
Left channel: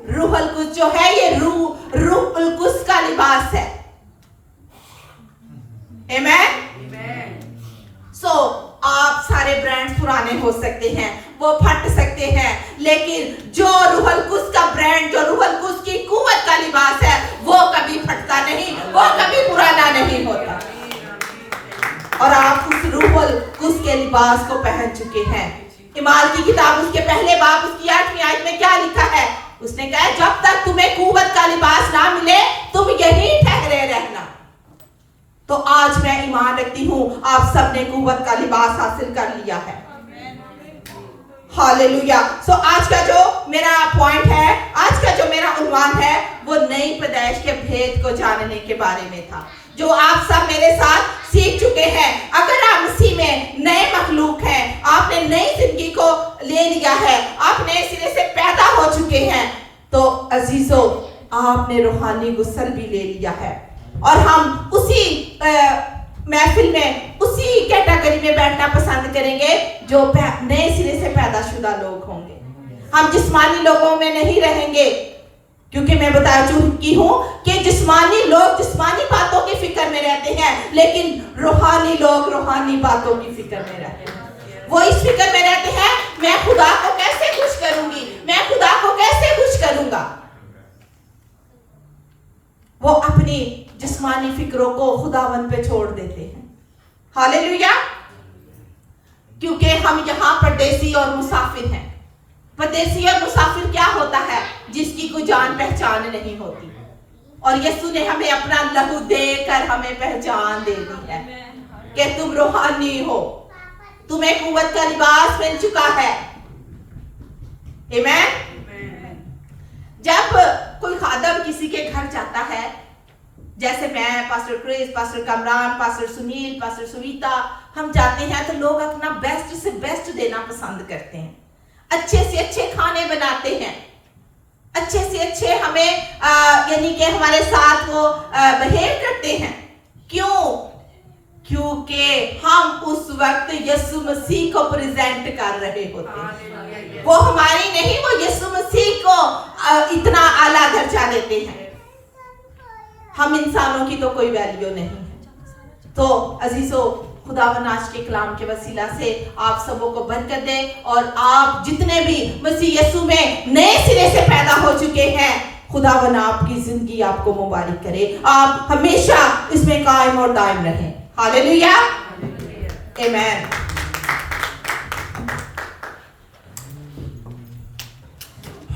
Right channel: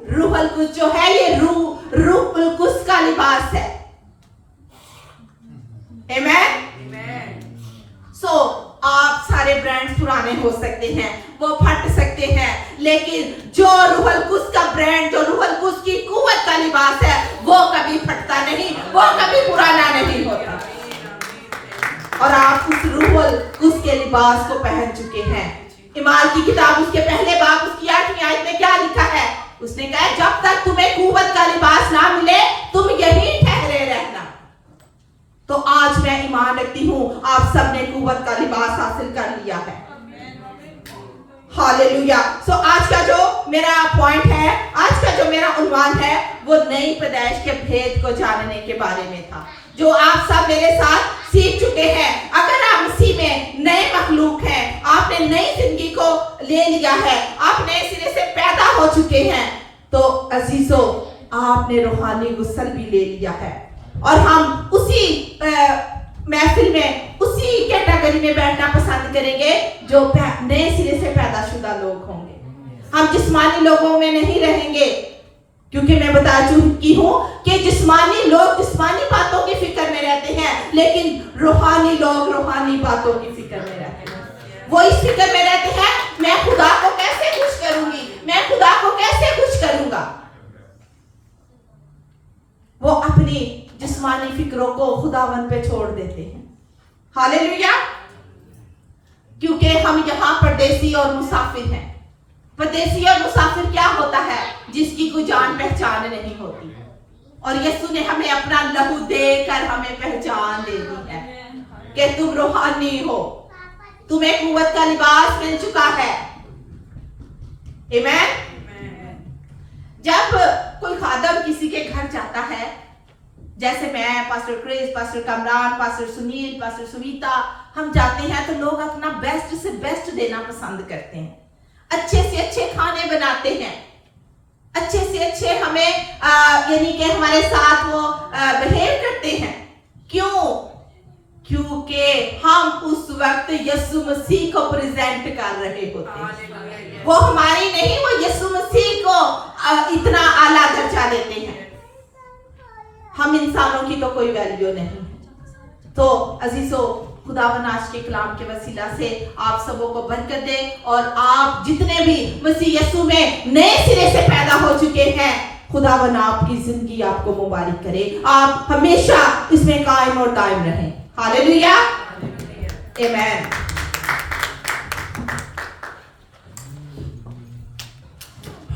रूह अल कुद्स जो है, ये रूह अल कुद्स का लिबास है। आमेन। सो आप सारे ब्रांड्स पुराने हो सकते हैं, वो फट सकते हैं, लेकिन जो रूह अल कुद्स का ब्रांड, जो रूह अल कुद्स की कुव्वत का लिबास है, वो कभी फटता नहीं, वो कभी पुराना नहीं होता। और आप उस रूह अल कुद्स के लिबास को पहन चुके हैं। इमाल की किताब उसके पहले बाब उसकी 8वीं आयत में क्या लिखा है? उसने कहा, जब तक तुम्हें कुव्वत का लिबास ना मिले तुम यहीं ठहरे रहना। तो आज मैं ईमान रखती हूँ आप सबने कुव्वत का लिबास हासिल कर लिया है। हालेलुया। सो आज का जो मेरा पॉइंट है, आज का जो मेरा उन्वान है, वो वो नई पैदाइश के भेद को जानने के बारे में था, जो आप सब मेरे साथ सीख चुके हैं। अगर आप मसीह में नए मखलूक हैं, आपने नई जिंदगी को ले लिया है, आप नए सिरे से पैदा हो चुके हैं, तो अजीजों आपने रूहानी गुस्ल भी ले लिया है। और हम उसी महफिल में उसी कैटेगरी में बैठना पसंद करेंगे जो नए सिरे से पैदाशुदा लोग होंगे। हम जिस्मानी लोगों में नहीं रहेंगे, क्योंकि मैं बता चुकी हूं कि जिस्मानी लोग जिस्मानी बातों की फिक्र में रहते हैं, लेकिन रूहानी लोग रूहानी बातों की फिक्र में रहते हैं। वो इस फिक्र में रहते हैं, मैं खुदा को कैसे खुश करूंगी, मैं खुदा को कैसे खुश करूंगा। वो अपनी जिस्मानी फिक्रों को खुदावन पे छोड़ देते हैं। हालेलुया। क्योंकि हम यहाँ परदेसी और मुसाफिर हैं। परदेसी और मुसाफिर क्या होता है? जिसकी कोई जान पहचान नहीं होती। और यीशु ने हमें अपना लहू देकर हमें पहचान दे दी है कि तुम रूहानी हो, तुम्हें कुव्वत का लिबास मिल चुका है। आमीन। जब कोई खादम किसी के घर जाता है, जैसे मैं, pastor Chris, pastor Kamran, pastor Sunil, pastor Sunita, हम जाते हैं तो लोग अपना बेस्ट से बेस्ट देना पसंद करते हैं। अच्छे से अच्छे खाने बनाते हैं, अच्छे से अच्छे हमें यानी कि हमारे साथ वो बिहेव करते हैं। क्यों? क्योंकि हम उस वक्त यीशु मसीह को प्रेजेंट कर रहे होते हैं। वो हमारी नहीं, वो यीशु मसीह को इतना आला दर्जा देते हैं। हम इंसानों की तो कोई वैल्यू नहीं है। तो अजीजों, खुदावन आज के कलाम के वसीला से आप सबों को बरकत दे, और आप जितने भी मसीह यीशु में नए सिरे से पैदा हो चुके हैं, खुदावन आपकी जिंदगी आपको मुबारक करे। आप हमेशा इसमें कायम और दायम रहें। हालेलुया, आमीन।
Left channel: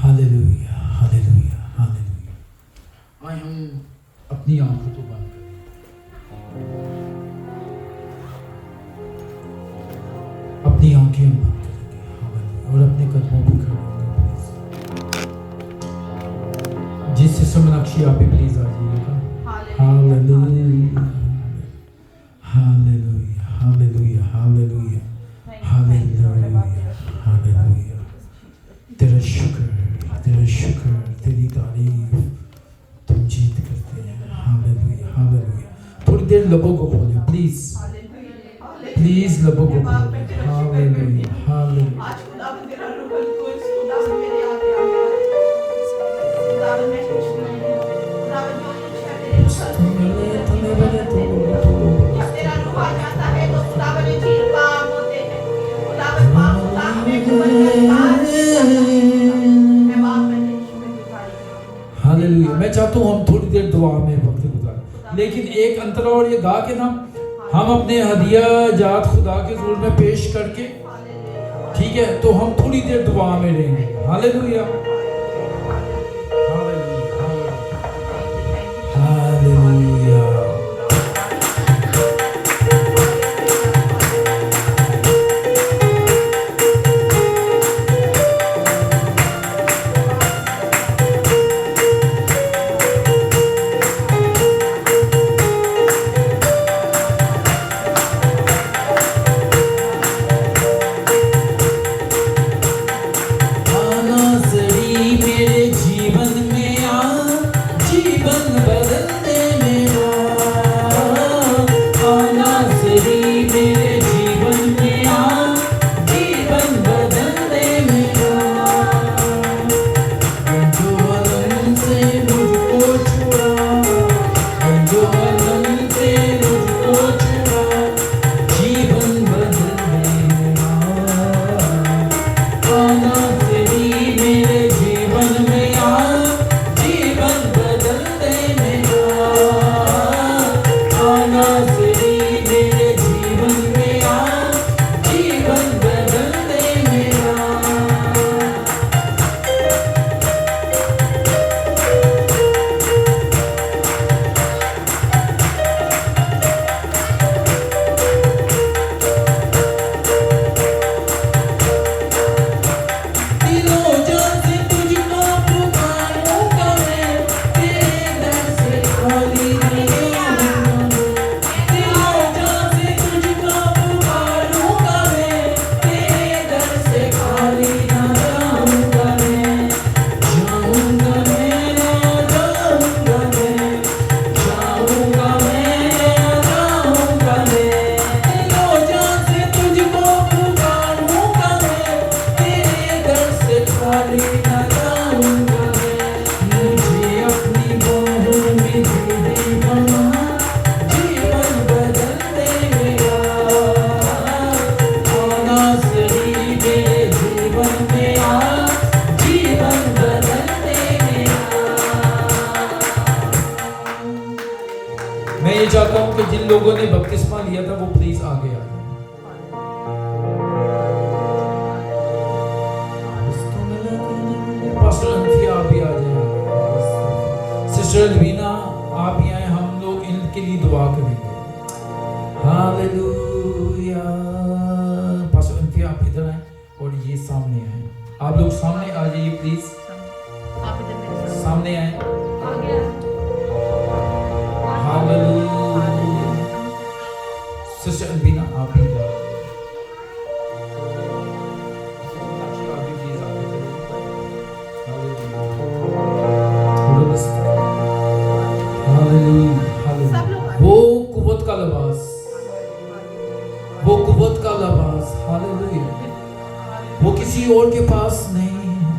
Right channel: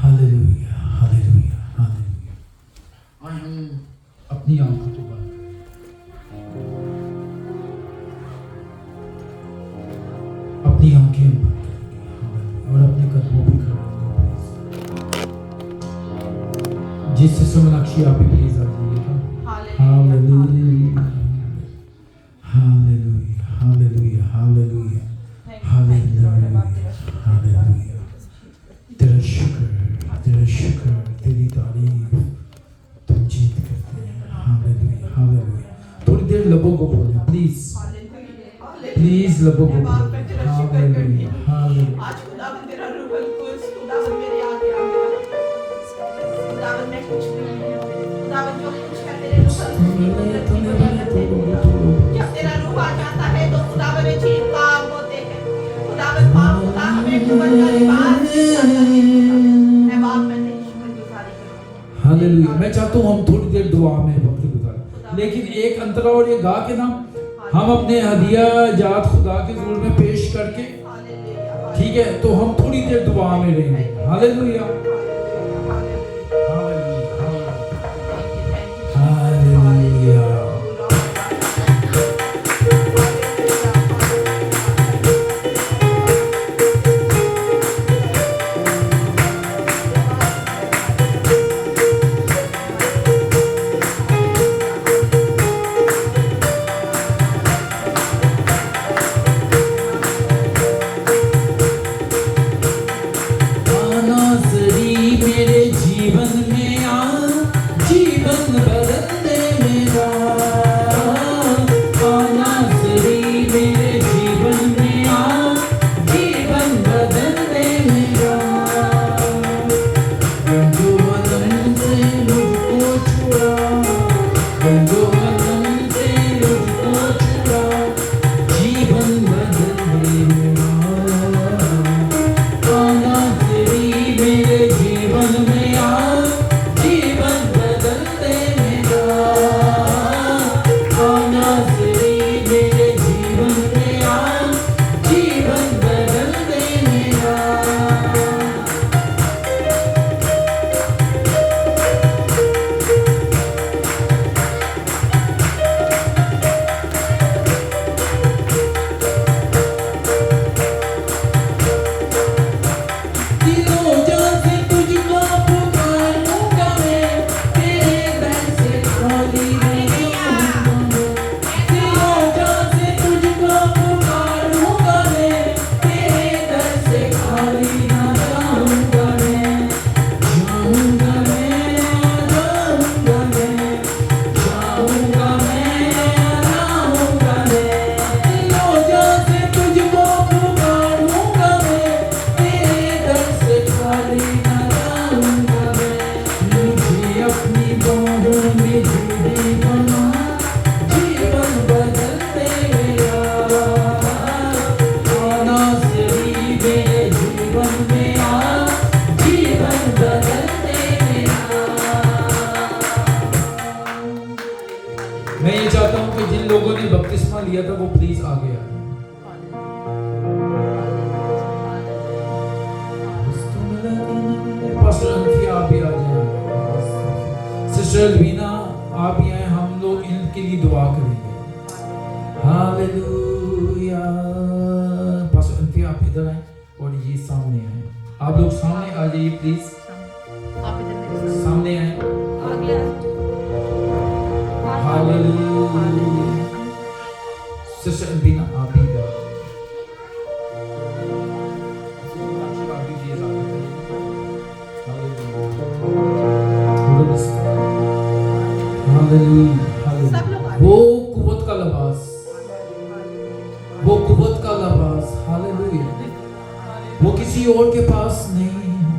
Hallelujah, hallelujah, hallelujah. आज हम अपनी आंखों को बंद करें, अपनी आंखें हम बंद करेंगे और अपने कदमों पे खड़े होंगे। जिस समनाक्षी आप भी प्लीज आ जाइएगा। Hallelujah, hallelujah, hallelujah, hallelujah, hallelujah, hallelujah. तेरा शुक्र, तेरी तारीफ, तुम जीत करते हैं। Hallelujah, hallelujah. थोड़ी देर लबों को खोलें प्लीज, प्लीज लबों को खोलें। Hallelujah, hallelujah. आज खुदावन तेरा रूह कुछ खुदावन मेरे आगे आ गया है। खुदावन मैं कुछ नहीं हूं। खुदावन जो कुछ है तेरे रूह से जब तेरा रूह आ जाता है तो खुदावन में चीज काम होते हैं। खुदावन पाप खुदावन में जो मैं बाप में शुक्रगुजारी करूं। हालेलुया। मैं चाहता हूँ हम थोड़ी देर दुआ में वक्त गुजारें, लेकिन एक अंतरा और ये गा के ना हम अपने हदिया जात खुदा के हुजूर में पेश करके, ठीक है, तो हम थोड़ी देर दुआ में रहेंगे। Hallelujah, hallelujah. मेरे जीवन में आ, जीवन बदल दे मेरा। चाहता हूं कि जिन लोगों ने बपतिस्मा लिया था वो प्लीज आगे आए। पास्टर अंथिया आप भी आ जाए, सिस्टर अलवीना आप भी आए, हम लोग इनके लिए दुआ करेंगे। हालेलुया। पास्टर अंथिया आप इधर आए और ये सामने आए, आप लोग सामने आ जाइए प्लीज, आप इधर मेरे साथ सामने आए। हालेलुया। सिस्टर अलवीना आप भी इधर आओ। आप भी प्लीज आगे चलिए। सब लोग आए। वो कुव्वत का लिबास, वो कुव्वत का लिबास, हालेलुया, वो किसी और के पास नहीं है।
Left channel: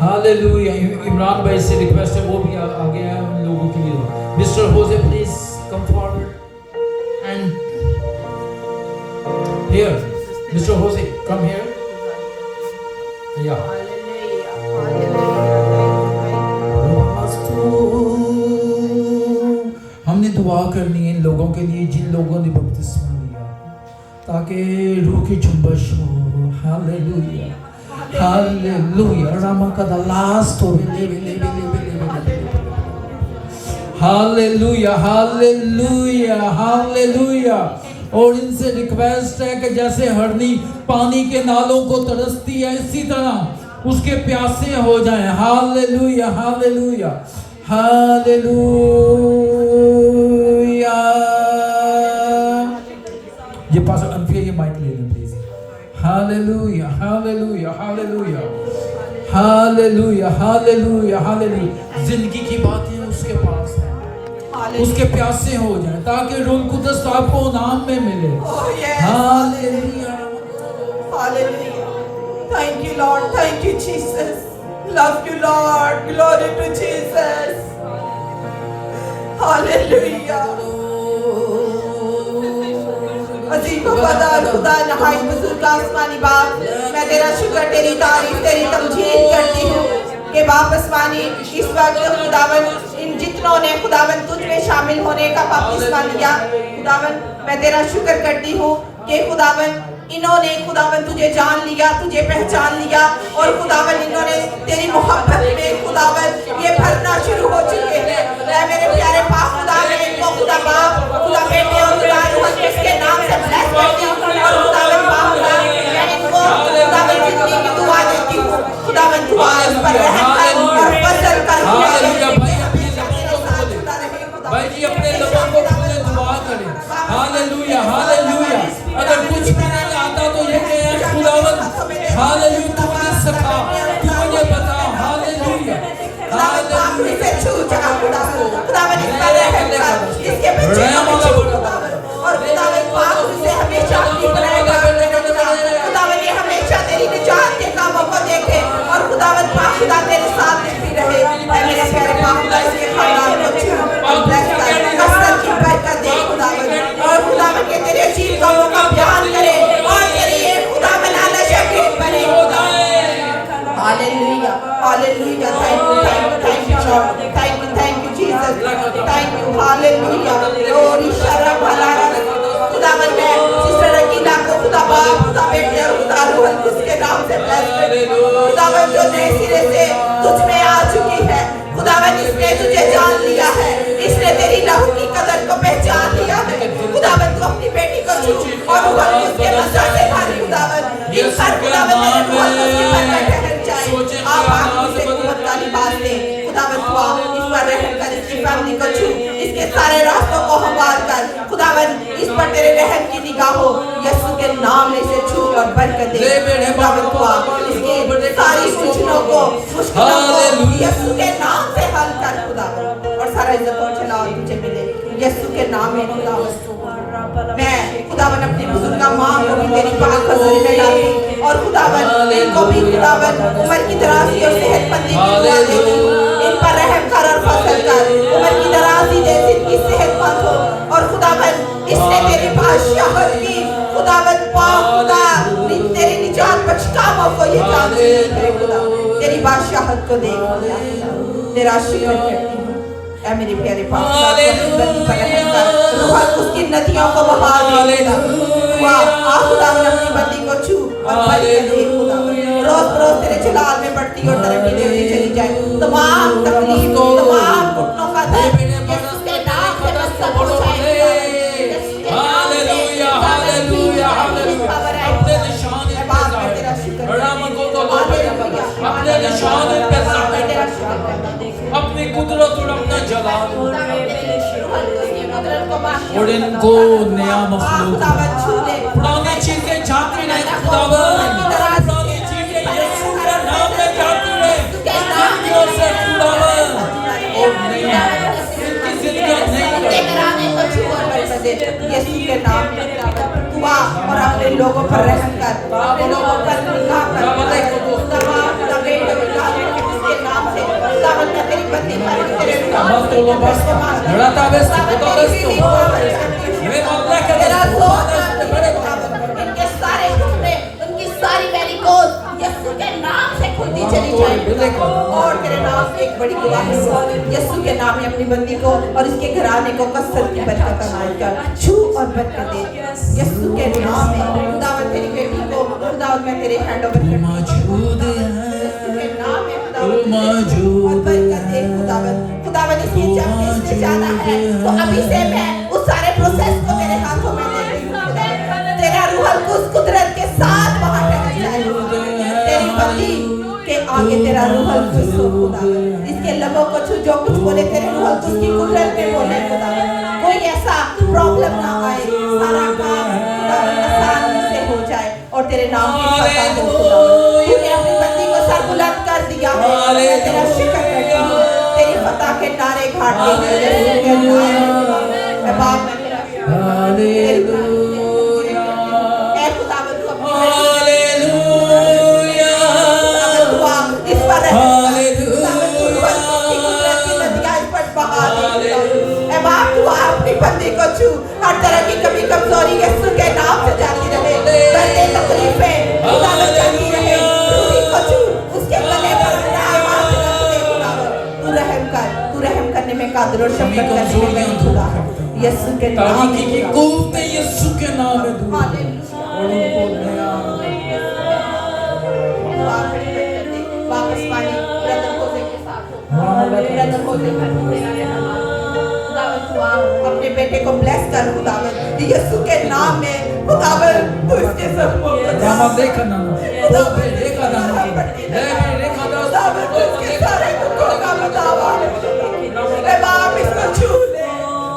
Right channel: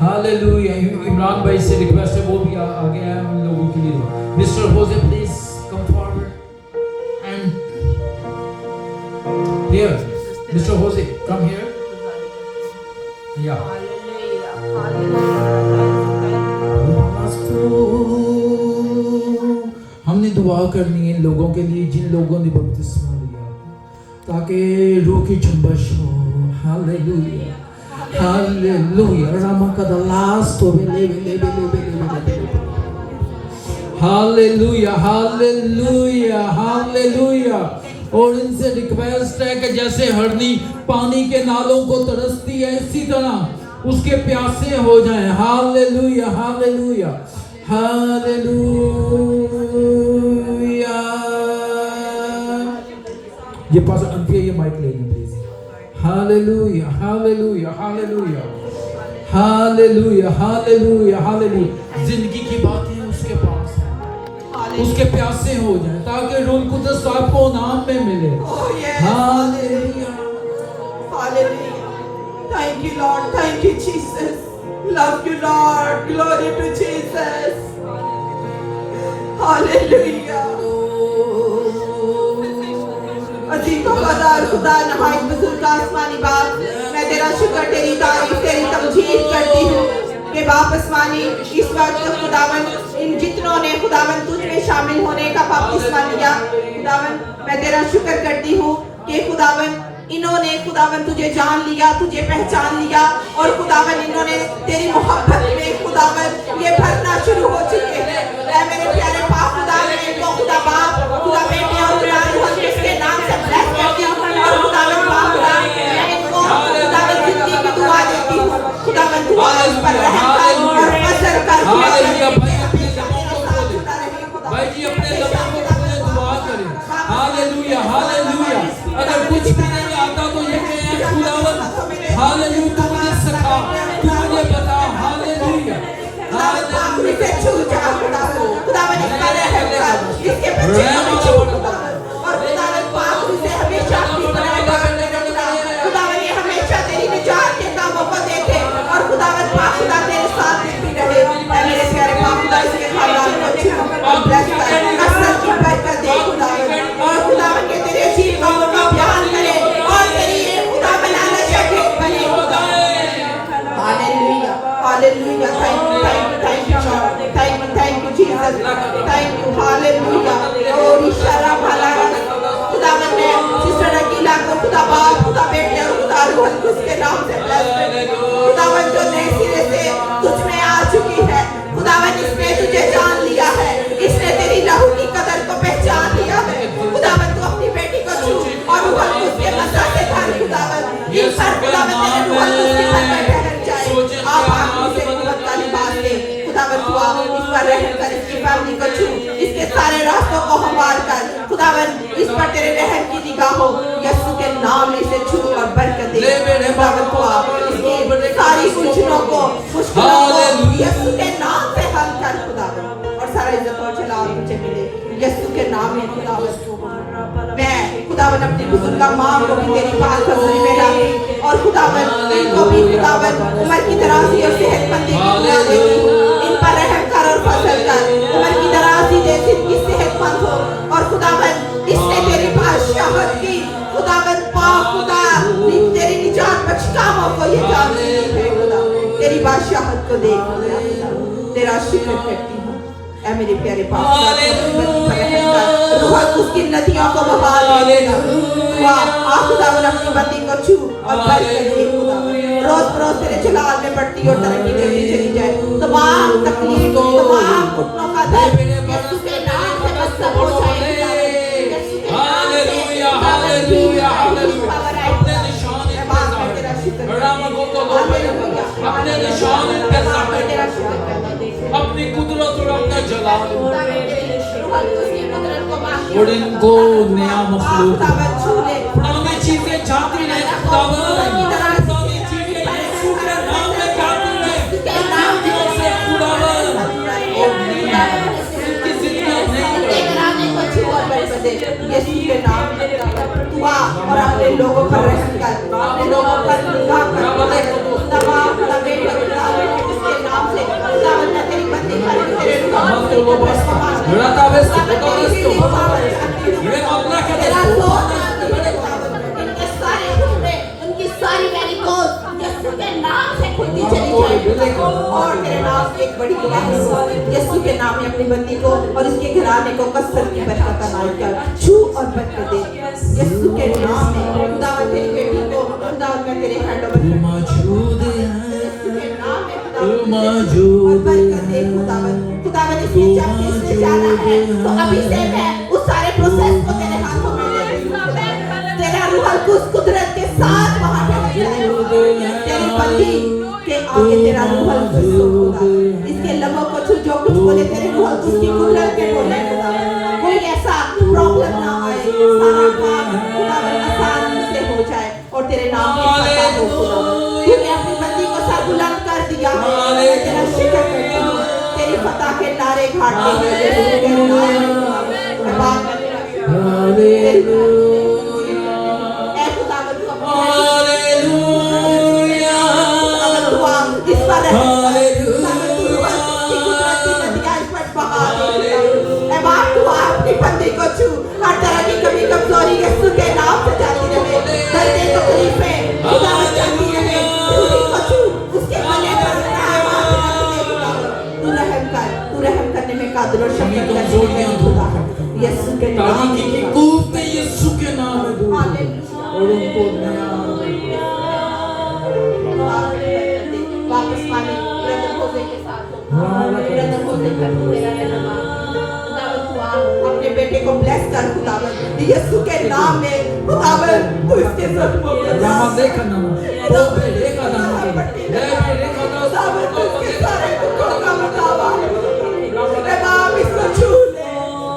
हालेलुया। इमरान भाई से रिक्वेस्ट है वो भी आ गया है उन लोगों के लिए। Mister Jose please come forward and here, mister Jose come here. या हमने दुआ करनी है इन लोगों के लिए जिन लोगों ने बपतिस्मा लिया, ताकि रूह की जुम्बश हो। Hallelujah, hallelujah. रामा का द लास्ट हो हालेलुया, हालेलुया, हालेलुया। और इनसे रिक्वेस्ट है कि जैसे हरनी पानी के नालों को तरसती है, इसी तरह उसके प्यासे हो जाएं। Hallelujah, hallelujah, hallelujah. ये पास्टर अंफिया ये माइक ले लें please. Hallelujah, hallelujah, hallelujah, hallelujah, hallelujah, hallelujah. जिंदगी की बातें उसके पास है, उसके प्यासे हो जाए ताकि रूह कुदस आपको नाम में मिले। Hallelujah, Hallelujah. Thank you, Lord. Thank you, Jesus. Love you, Lord. Glory to Jesus. Hallelujah. अजीब वफादार खुदा, नहायत बुजुर्ग आसमानी बाप, मैं तेरा शुक्र, तेरी तारीफ, तेरी तमजीद करती हूँ कि बाप आसमानी इस वक्त खुदावन इन जितनों ने खुदावन तुझ में शामिल होने का बपतिस्मा लिया, खुदावन मैं तेरा शुक्र करती हूँ कि खुदावन इन्होंने खुदावन तुझे जान लिया, तुझे पहचान लिया और खुदावन इन्होंने तेरी मोहब्बत में खुदावन ये भरना शुरू हो चुके हैं। ऐ मेरे प्यारे पाक खुदावन इनको खुदा बाप, खुदा बेटे और खुदा रूह के नाम से ब्लेस करती हूँ और खुदावन बाप मैं इनको खुदावन जिंदगी की दुआ देती हूँ। खुदावन दुआ इस पर रहम कर और फजल कर। भाई जी अपने लबों को खोले दुआ करें। Hallelujah, hallelujah. अगर कुछ भी नहीं आता तो ये कहें खुदावन हालेलुया तू मुझे सिखा, तू मुझे बता। Hallelujah, hallelujah. खुदावन इस पर रहम कर, इसके बच्चे को छू खुदावन और खुदावन पाक से हमेशा अपनी तरह खुदावन ये हमेशा तेरी निजात के कामों को देखे और खुदावन पाक खुदा तेरे साथ देती रहे। मेरे प्यारे पाक खुदा इसके खानदान को छू और ब्लेस कर, कसरत की बरकत दे खुदावन और खुदावन के तेरे अजीब कामों का बयान करे और तेरी ये खुदावन आला शहीद बने। Hallelujah, hallelujah. Thank you Lord, thank you Jesus, thank you. Hallelujah. और इशारा भला खुदावन ने सिस्टर रकीला को खुदा बाप, खुदा बेटे और खुदा रूह उसके नाम से ब्लेस कर। खुदावन जो नए सिरे से तुझ में आ चुकी है, खुदावन इसने तुझे जान लिया है, इसने तेरी लहू की कदर को पहचान लिया है। खुदावन तू अपनी बेटी को छू और ऊपर उसके मसा से भर खुदावन इन पर खुदावन तेरे रूह उसके पर ठहर जाए। आप आंखों से कुव्वत वाली बात दे खुदावन तू आ इस पर रहम कर, इसकी फैमिली को छू, इसके सारे रास्तों को हमवार कर खुदावन इस पर तेरे रहम की निगाह हो। यीशु के नाम में से छू और बरकत दे खुदावन तू आ इसकी सारी मुश्किलों को यीशु के नाम से हल कर खुदावन और सारा इज्जत और जलाल तुझे मिले यीशु के नाम में खुदावन। मैं खुदावन अपनी बुजुर्ग माँ को भी तेरी पाक हज़ूरी में लाती और खुदावन इनको भी खुदावन उम्र की दराज़ी और सेहतमंदी की दुआ देती हूँ। इन पर रहम कर और फजल कर, उम्र की दराज़ी दे, जिनकी सेहतमंद हो और खुदावन इसने तेरी बादशाहत की खुदावन पाक खुदा तेरी निजात बख्श कामों को ये जानती है खुदा तेरी बादशाहत को देख तेरा शुक्र करती हूँ। ऐ मेरे प्यारे पाक खुदा रुहल उसकी नदियों को बहा दे खुदावन अपनी बंदी को छू और बरकत दे खुदावन रोज बरोज तेरे जलाल में बढ़ती और तरक्की देती चली जाए तमाम तकलीफ तमाम घुटनों का दर्द यीशु के नाम से बस सब हो जाए हालेलुया हालेलुया अपने निशान इन पे जाहिर बड़ा मको को अपने निशान इन पे जाहिर अपनी कुदरत और अपना जलाल और इनको नया मखलूक पुरानी चीजें जाती रहे खुदावन पुरानी चीजें यीशु के नाम में जाती रहे जिंदगियों से खुदावन और इनकी जिंदगियां नहीं यीशु के नाम में दुआ और अपने लोगों पर रहम कर अपने लोगों पर निगाह कर तमाम तबे के नाम से खुदावन मैं तेरी बंदी तेरे नाम से लड़ाता बस ये अल्लाह के तेरा इनके सारे हुक्म उनकी सारी मैनिकोस यीशु के नाम से खुलती चली जाए और तेरे नाम से एक बड़ी दुआ है यीशु के नाम में अपनी बंदी को और इसके घराने को कसरत की बरकत अनायत कर छू और बरकत दे यीशु के नाम में खुदावन तेरी बेटी को खुदावन मैं तेरे हैंड ओवर मौजूद है यीशु के नाम में खुदावन मौजूद और बरकत दे खुदावन इसके जब इसमें जाना है तो अभी से मैं उस सारे प्रोसेस को तेरे हाथों में दे दूं तेरा रूहल कुछ कुदरत के साथ वहां पे जाए तेरी बंदी के आगे तेरा रूहल कुछ होगा इसके लबों को छू जो कुछ बोले तेरे रूहल कुछ की कुदरत में बोले कोई ऐसा प्रॉब्लम ना आए सारा काम खुदावन आसानी से हो जाए और तेरे नाम की फतह हो क्योंकि अपनी बंदी को सर बुलंद कर दिया है तेरा शुक्र करती हूं तेरी फतह के नारे घाटे मैं बाप में तेरा इस पर अपनी बंदी को छू हर तरह की कमी कमजोरी यीशु के नाम से जाती रहे दर्द तकलीफें खुदावन जाती रहे रूही को छू उसके गले पर तू रहम करने में कादिर और शफकत करने में खुदा यीशु के नाम की कूफ में यीशु के नाम में दूर और उनको नया वापस पानी ब्रदर होसे के साथ ब्रदर होसे कर खुदावन तू अपने बेटे को ब्लेस कर खुदावन यीशु के नाम में खुदावन तू इसके सब को रामा देखा ना वो देखा ना देखा ना खुदावन तू इसके सारे दुखों का बतावा मैं बाप इसको छू ले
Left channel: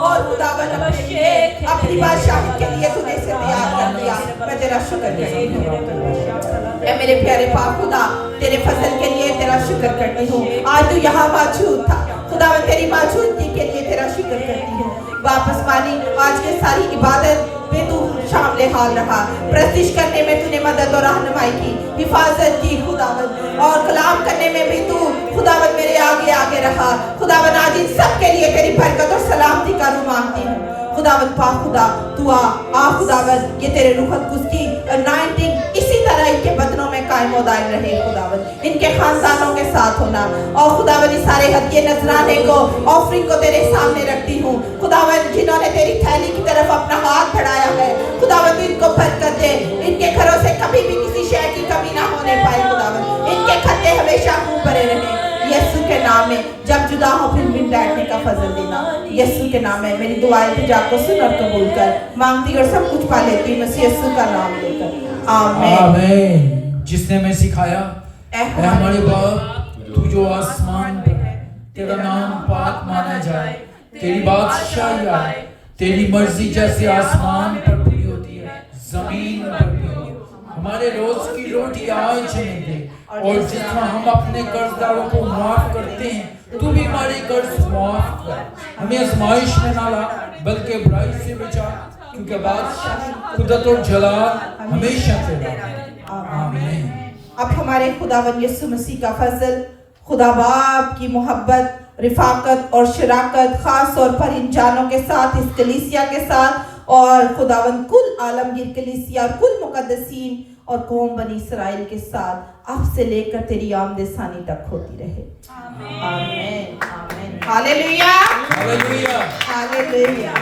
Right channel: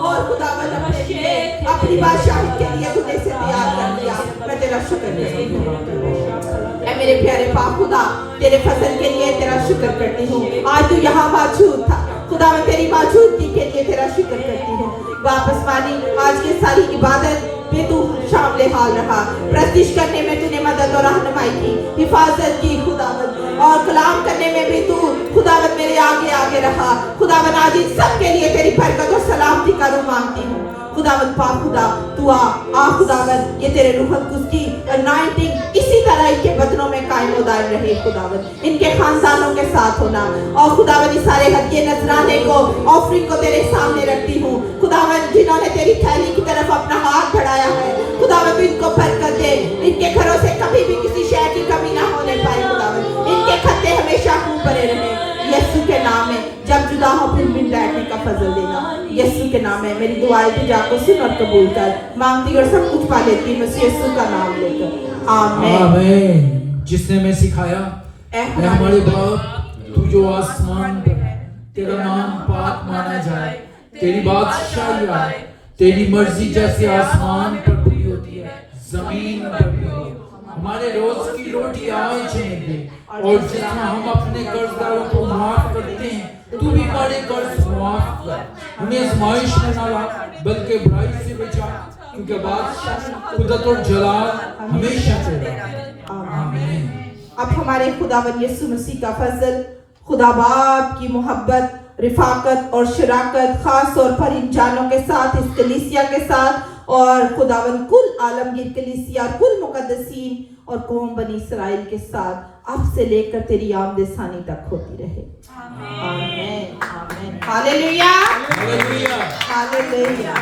और खुदावन अपनी बादशाही के लिए तुझे से तैयार कर दिया मैं तेरा शुक्र करती हूँ ऐ मेरे प्यारे पाक खुदा तेरे फजल के लिए तेरा शुक्र करती हूँ आज तू यहाँ मौजूद था खुदावन तेरी मौजूदगी के लिए तेरा शुक्र करती हूँ वापस पानी आज के सारी इबादत में तू शामिल हाल रहा प्रस्तिश करने में तूने मदद और रहनुमाई की हिफाजत की खुदावन और कलाम करने में भी तू खुदावन मेरे आगे आगे रहा खुदावन आज इन सब के लिए तेरी बरकत और सलामती का रूह मांगती हूँ खुदावन पाक खुदा तू आ खुदावन ये तेरे रूह कुछ की अनॉइंटिंग इसी तरह इनके बदनों में कायम और दायम रहे खुदावन इनके खानदानों के साथ होना और खुदावन इस सारे हदिये नजराने को ऑफरिंग को तेरे सामने रखती हूँ खुदावन जिन्होंने तेरी थैली की तरफ अपना हाथ बढ़ाया है खुदावन तू इनको बरकत दे इनके घरों से कभी भी किसी शय की कमी ना होने पाए खुदावन इनके खत्ते हमेशा खूब भरे रहे यीशु के नाम में जब जुदा हो फिर मिल बैठने का फजल देना यीशु के नाम में मेरी दुआएं तुझा को सुन और कबूल कर मांगती और सब कुछ पा लेती हूं यीशु का नाम लेकर आमीन आमीन जिसने मैं सिखाया ऐ हमारे बाप तू जो आसमान पे है तेरा नाम पाक माना जाए तेरी बादशाही आए तेरी मर्जी जैसे आसमान पर पूरी होती है जमीन पर भी हो हमारे रोज की रोटी आज हमें दे और जितना हम अपने कर्जदारों को माफ करते हैं तू भी हमारे कर्ज माफ कर हमें आजमाइश में ना ला बल्कि बुराई से बचा क्योंकि बादशाह कुदरत और जलाल हमेशा चलता है आमीन अब हमारे खुदावन यीशु मसीह का फजल खुदा बाप की मोहब्बत रिफाकत और शराकत खास तौर पर इन जानों के साथ इस कलीसिया के साथ और खुदावन कुल आलमगीर कलीसिया कुल मुकद्दसीन और कौम बनी इस्राएल के साथ अब से लेकर तेरी आमद-ए-सानी तक होती रहे आमीन आमीन हालेलुया हालेलुया हालेलुया